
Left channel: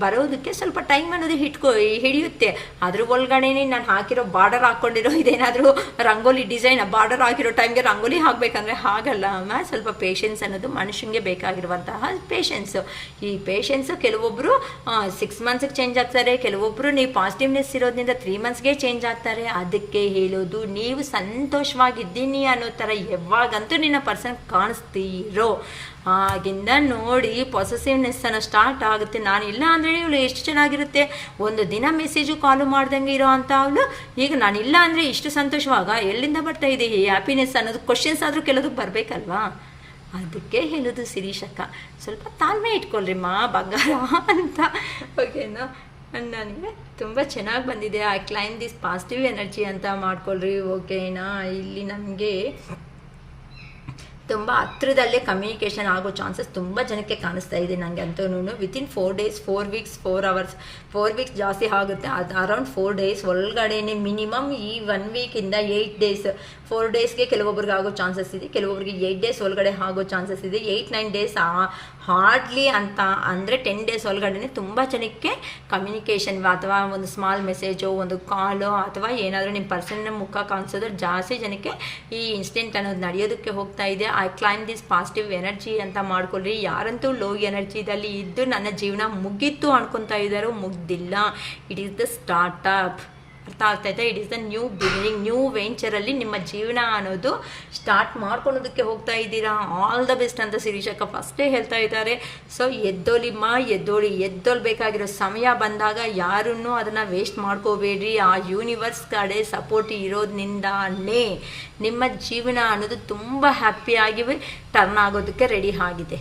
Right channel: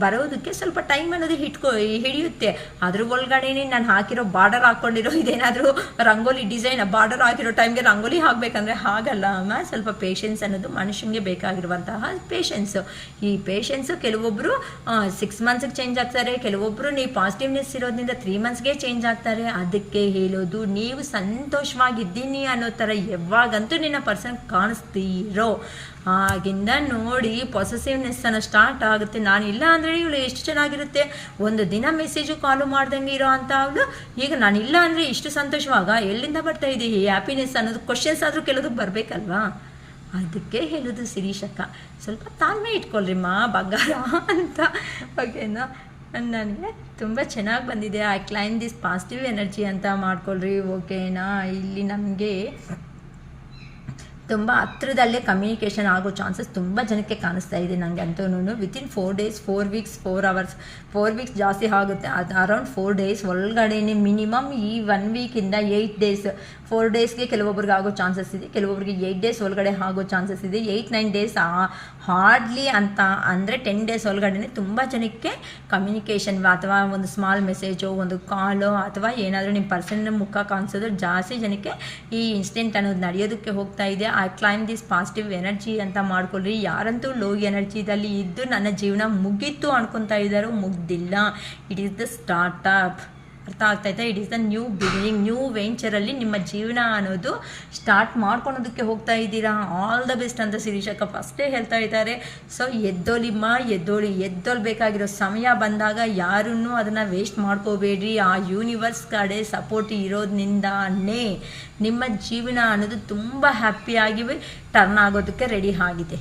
ಬರೋದಕ್ಕೆ ಸ್ವಲ್ಪ ಟೈಮ್ ಅನ್ನೋದು ಹಿಡಿಯುತ್ತೆ. ಅದ್ರ ಒಳಗಡೆನೇ ನಾನು ಹಾಕಿರೋ ಬಾರ್ಡರ್ ಹಾಕ್ಕೊಂಡಿರೋ ಇದೇನಾದರೂ ರಂಗೋಲಿ ಡಿಸೈನ್ ಬಾರ್ಡರ್ ಆಗಿರೋ ಟೈಮ್ಗೆ ರಂಗೋಲಿ ಹಾಕಬೇಕಂದ್ರೆ ಹಾಗಲ್ಲ ಅಮ್ಮ. ಸ್ವಲ್ಪ ಪೇಷನ್ಸ್ ಅನ್ನೋದು ಮನುಷ್ಯನಿಗೆ ಬೇಕಾಗಿರುವಂತಹ ಪೇಷನ್ಸು. ಈ ಪೇಷನ್ಸು ಕೆಲವೊಬ್ಬರು 6 ಮಂತ್ಸ್ಗೆ ಚೇಂಜ್ ಆಗ್ತಾರೆ, ಕೆಲವೊಬ್ಬರು ನೀವು ಪಾಸಿಟಿವ್ನೆಸ್ ಇರೋದ್ರಿಂದ 3 ಮಂತ್ಸ್ಗೆ ಚೇಂಜ್ ಆಗ್ತಾರೆ. ಅದಕ್ಕೆ ಹೇಳೋದು ನೀವು ಸಂತೋಷವಾಗಿದ್ದೀನಿ ಅನ್ನೋ ಥರ ಯಾವಾಗಂತೂ ನಿನ್ನ ಪರ್ಸನ್ ಕಾಣಿಸ್ತೀರೋ ಆಗಿಂದ ನೋಡಿ ಪಾಸಿಟಿವ್ನೆಸ್ ಅನ್ನೋ ಸ್ಟಾರ್ಟ್ ಆಗುತ್ತೆ. ನಾನಿಲ್ಲ ಅಂದರೆ ಇವಳು ಎಷ್ಟು ಚೆನ್ನಾಗಿರುತ್ತೆ, ಒಂದು ದಿನ ಮೆಸೇಜು ಕಾಲು ಮಾಡ್ದಂಗೆ ಇರೋ ಅಂತ ಅವಳು ಈಗ ನಾನಿಲ್ಲ ಅಂದರೆ ಇಷ್ಟು ಸಂತೋಷವಾಗ ಎಲ್ಲಿಂದ ಬರ್ತಾ ಇದೆ ಈ ಹ್ಯಾಪಿನೆಸ್ ಅನ್ನೋದು ಕ್ವಶನ್ಸ್ ಆದರೂ ಕೆಲವೊಂದಕ್ಕೆ ಬರಬೇಕಲ್ವಾ. ಅದಕ್ಕೆ ಹೇಳೋದು ಶಿರೀಷಕ್ಕ, ಸ್ವಲ್ಪ ತಾಳ್ಮೆ ಇಟ್ಕೊಳ್ರಿಮ್ಮ ಬಂಗಾರ ಅಂತ. ಓಕೆನಾ, ನನಗೆ ತುಂಬ ಚೆನ್ನಾಗಿ ಬಂದಿದೆ. I claim this positive energy ಅಂತ ಮಾಡ್ಕೊಳ್ರಿ. ಓಕೆನಾ, ಇಲ್ಲಿ ನಮಗೆ ತುಂಬ ಹತ್ರದಲ್ಲೇ ಕಮ್ಯುನಿಕೇಷನ್ ಆಗೋ ಚಾನ್ಸಸ್ ತುಂಬ ಜನಕ್ಕೆ ಕಾಣಿಸ್ತಾ ಇದೆ ನನಗೆ ಅಂತೂ. Within 4 days 4 weeks 4 hours 4 weeks ಜಾಸ್ತಿ ಆಗುತ್ತೆ, ಅದು ಅರೌಂಡ್ 4 days ಒಳಗಡೆನೆ ಮಿನಿಮಮ್ ಈ 1 weekಯಿಂದ 8 days 4 daysಗೆ ಕೆಲವೊಬ್ರಿಗೆ ಆಗೋ ಚಾನ್ಸಸ್ ಇದೆ, ಕೆಲವೊಬ್ರಿಗೆ 8 days ಒಳಗಡೆ ಆಗೋ ಚಾನ್ಸಸ್ ಇದೆ. 8-9 days ಹಾರ್ಡ್ಲಿ ಅಂತ ಅಂದರೆ 10 days ಒಳಗಡೆ ತುಂಬ ಜನಕ್ಕೆ ಕಮ್ಯುನಿಕೇಷನ್ ಅಥವಾ ಒಂದು ಸ್ಮಾಲ್ ಮೆಸೇಜೋ ಒಂದು ಕಾಲೋ ಅಥವಾ ಏನಾದರೂ ನಿಮ್ಮ ಪರ್ಸನ್ನ ಮುಖ ಕಾಣಿಸೋದ್ರೆ ಜಾಸ್ತಿ ಜನಕ್ಕೆ ಈ ಇನ್ಸಿಡೆಂಟ್ ಅನ್ನೋದು ನಡೆಯೋದಕ್ಕೆ ಹೋಗ್ತಾ ಇದೆ. I claim this positive energy ಅಂತ ಮಾಡ್ಕೊಳ್ರಿ. ಯಾರಂತೂ ಲೋ ಎನರ್ಜಿದಲ್ಲಿ ಇದ್ದು ನನ್ನ ಜೀವನ ಮುಗೀತು ಅನ್ಕೊತಾ ಇದ್ದಾರೋ, ಮುಗ್ದಿಲ್ಲ. It is the startup. ಅರ್ಥ ಆಗ್ತಾಯಿದೆ? It is the new beginning, new ವೆಂಚರಲ್ಲಿ ನಿಮ್ಮ ಜೀವನ ಅನ್ನೋದು ಸ್ಟಾರ್ಟ್ ಮಾಡ್ಕೊಳೋದಕ್ಕೆ ಹೋಗ್ತಾ ಇದ್ದೀರಾ. ಆಲ್ ದ ಬೆಸ್ಟ್ ಅಂತ ಶಿರೀಷಕ್ಕ ಫಸ್ಟೇ ಹೇಳ್ತಾ ಇದ್ದಾರೆ. ಸೊ ಎದ್ದೊಳ್ಬೇಕಾಗಿರೋ ಸಮಯ ಬಂದಾಗ ಯಾರನ್ನೂ ಅದನ್ನು ವೇಸ್ಟ್ ಮಾಡ್ಕೋಬೇಡ್ರಿ. ಆ ಯೂನಿವರ್ಸ್ ಕಡೆ ಸಪೋರ್ಟ್ ಇರೋದ್ರಿಂದಾನೇ ನಿಮ್ಮ ಜೀವನ ಅನ್ನೋದು ತುಂಬ ಹ್ಯಾಪಿಯಾಗಿ ಟರ್ನ್ ಆಗೋದಕ್ಕೆ ರೆಡಿ ಆಗಿದೆ.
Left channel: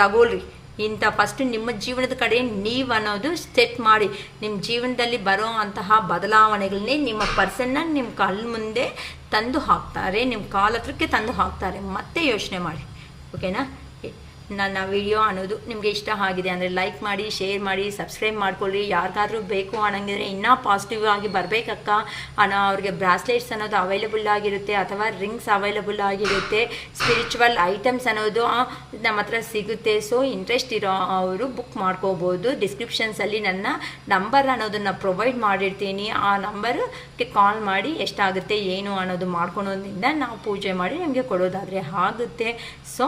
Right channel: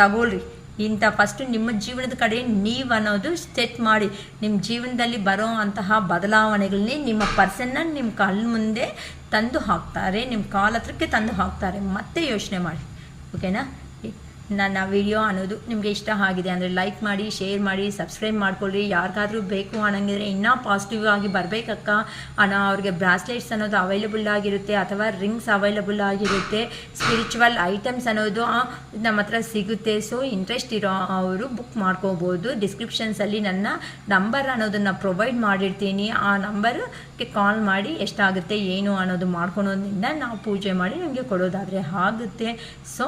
ತಗೊಳ್ರಿ ಇಂಥ ಫಸ್ಟು ನಿಮ್ಮ ಜೀವನದ ಕಡೆ ನೀವು ಅನ್ನೋದು ಸೆಟ್ ಮಾಡಿ. ನಿಮ್ಮ ಜೀವನದಲ್ಲಿ ಬರೋ ಅಂತಹ ಬದಲಾವಣೆಗಳನ್ನೇ ನಿಮ್ಮ ಪರ್ಸನ್ನ ನಿಮ್ಮ ಕಣ್ಣು ಮುಂದೆ ತಂದು ಹಾಕ್ತಾರೆ, ನಿಮ್ಮ ಕಾಲ ಹತ್ರಕ್ಕೆ ತಂದು ಹಾಕ್ತಾರೆ. ಮತ್ತೆ ಯೋಚನೆ ಮಾಡಿ. ಓಕೆನಾ? ನನ್ನ ವಿಡಿಯೋ ಅನ್ನೋದು ನಿಮಗೆ ಇಷ್ಟ ಆಗಿದೆ ಅಂದರೆ ಲೈಕ್ ಮಾಡಿ, ಶೇರ್ ಮಾಡಿ, ಸಬ್ಸ್ಕ್ರೈಬ್ ಮಾಡ್ಕೊಳ್ಳಿ. ಯಾರಿಗಾದ್ರೂ ಬೇಕು ಅನ್ನಂಗಿದ್ರೆ ಇನ್ನೂ ಪಾಸಿಟಿವ್ ಆಗಿ ಬರಬೇಕಕ್ಕ ಅನ್ನೋ ಅವ್ರಿಗೆ ಬ್ರಾಸ್ಲೆಟ್ಸ್ ಅನ್ನೋದು ಅವೈಲಬಲ್ ಆಗಿರುತ್ತೆ ಅಥವಾ ರಿಂಗ್ಸ್ ಅವೈಲಬಲ್ ಆಗಿರುತ್ತೆ. ಸ್ಪಿರಿಚುವಲ್ ಐಟಮ್ಸ್ ಅನ್ನೋದು ನಮ್ಮ ಹತ್ರ ಸಿಗುತ್ತೆ. ಸೊ ಇಂಟ್ರೆಸ್ಟ್ ಇರೋ ಅವರು ಬುಕ್ ಮಾಡ್ಕೋಬೋದು. ಡಿಸ್ಕ್ರಿಪ್ಷನ್ಸಲ್ಲಿ ನನ್ನ ನಂಬರ್ ಅನ್ನೋದನ್ನು ಪ್ರೊವೈಡ್ ಮಾಡಿರ್ತೀನಿ. ಆ ನಂಬರ್ಗೆ ಕಾಲ್ ಮಾಡಿ ಎಷ್ಟಾಗುತ್ತೆ ಏನು ಅನ್ನೋದು ಮಾಡ್ಕೊಳೋದ್ರಿಂದ ನಾವು ಪೂಜೆ ಮಾಡಿ ನಿಮಗೆ ಕೊಡೋದಾದರೆ ಆಗುತ್ತೆ. ಸೊ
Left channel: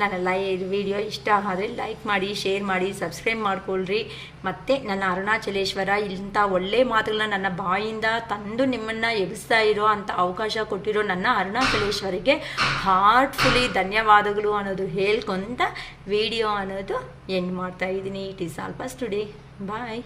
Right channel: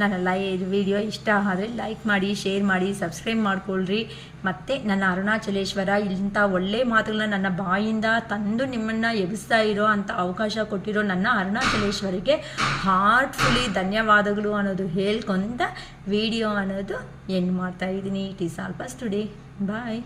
ನನ್ನ ವಿಡಿಯೋ ಇಷ್ಟ ಆದರೆ ಲೈಕ್ ಮಾಡಿ, ಶೇರ್ ಮಾಡಿ, ಸಬ್ಸ್ಕ್ರೈಬ್ ಮಾಡ್ಕೊಳ್ರಿ. ಮತ್ತು ನನ್ನ ಅರುಣಾಚಲೇಶ್ವರ ಇಂಥ ಒಳ್ಳೆ ಮಾತುಗಳನ್ನ ನನ್ನ ಬಾಯಿಂದ ತಂದು ನಿಮ್ಮನ್ನು ಎಬ್ಬಿಸ್ತಾ ಇರೋ ಅಂಥ ಅವಕಾಶ ಕೊಟ್ಟಿರೋ ನನ್ನ ಅರುಣಾಚಲೇಶ್ವರಿಗೆ ಹಾರ್ಟ್ಫುಲಿ ಧನ್ಯವಾದಗಳು ಅನ್ನೋದು ಹೇಳ್ಕೊಂತ ವಿಡಿಯೋ ಅನ್ನೋದು ಎಂಡ್ ಮಾಡ್ತಾ ಇದ್ದೀನಿ. It is all for today. Bye.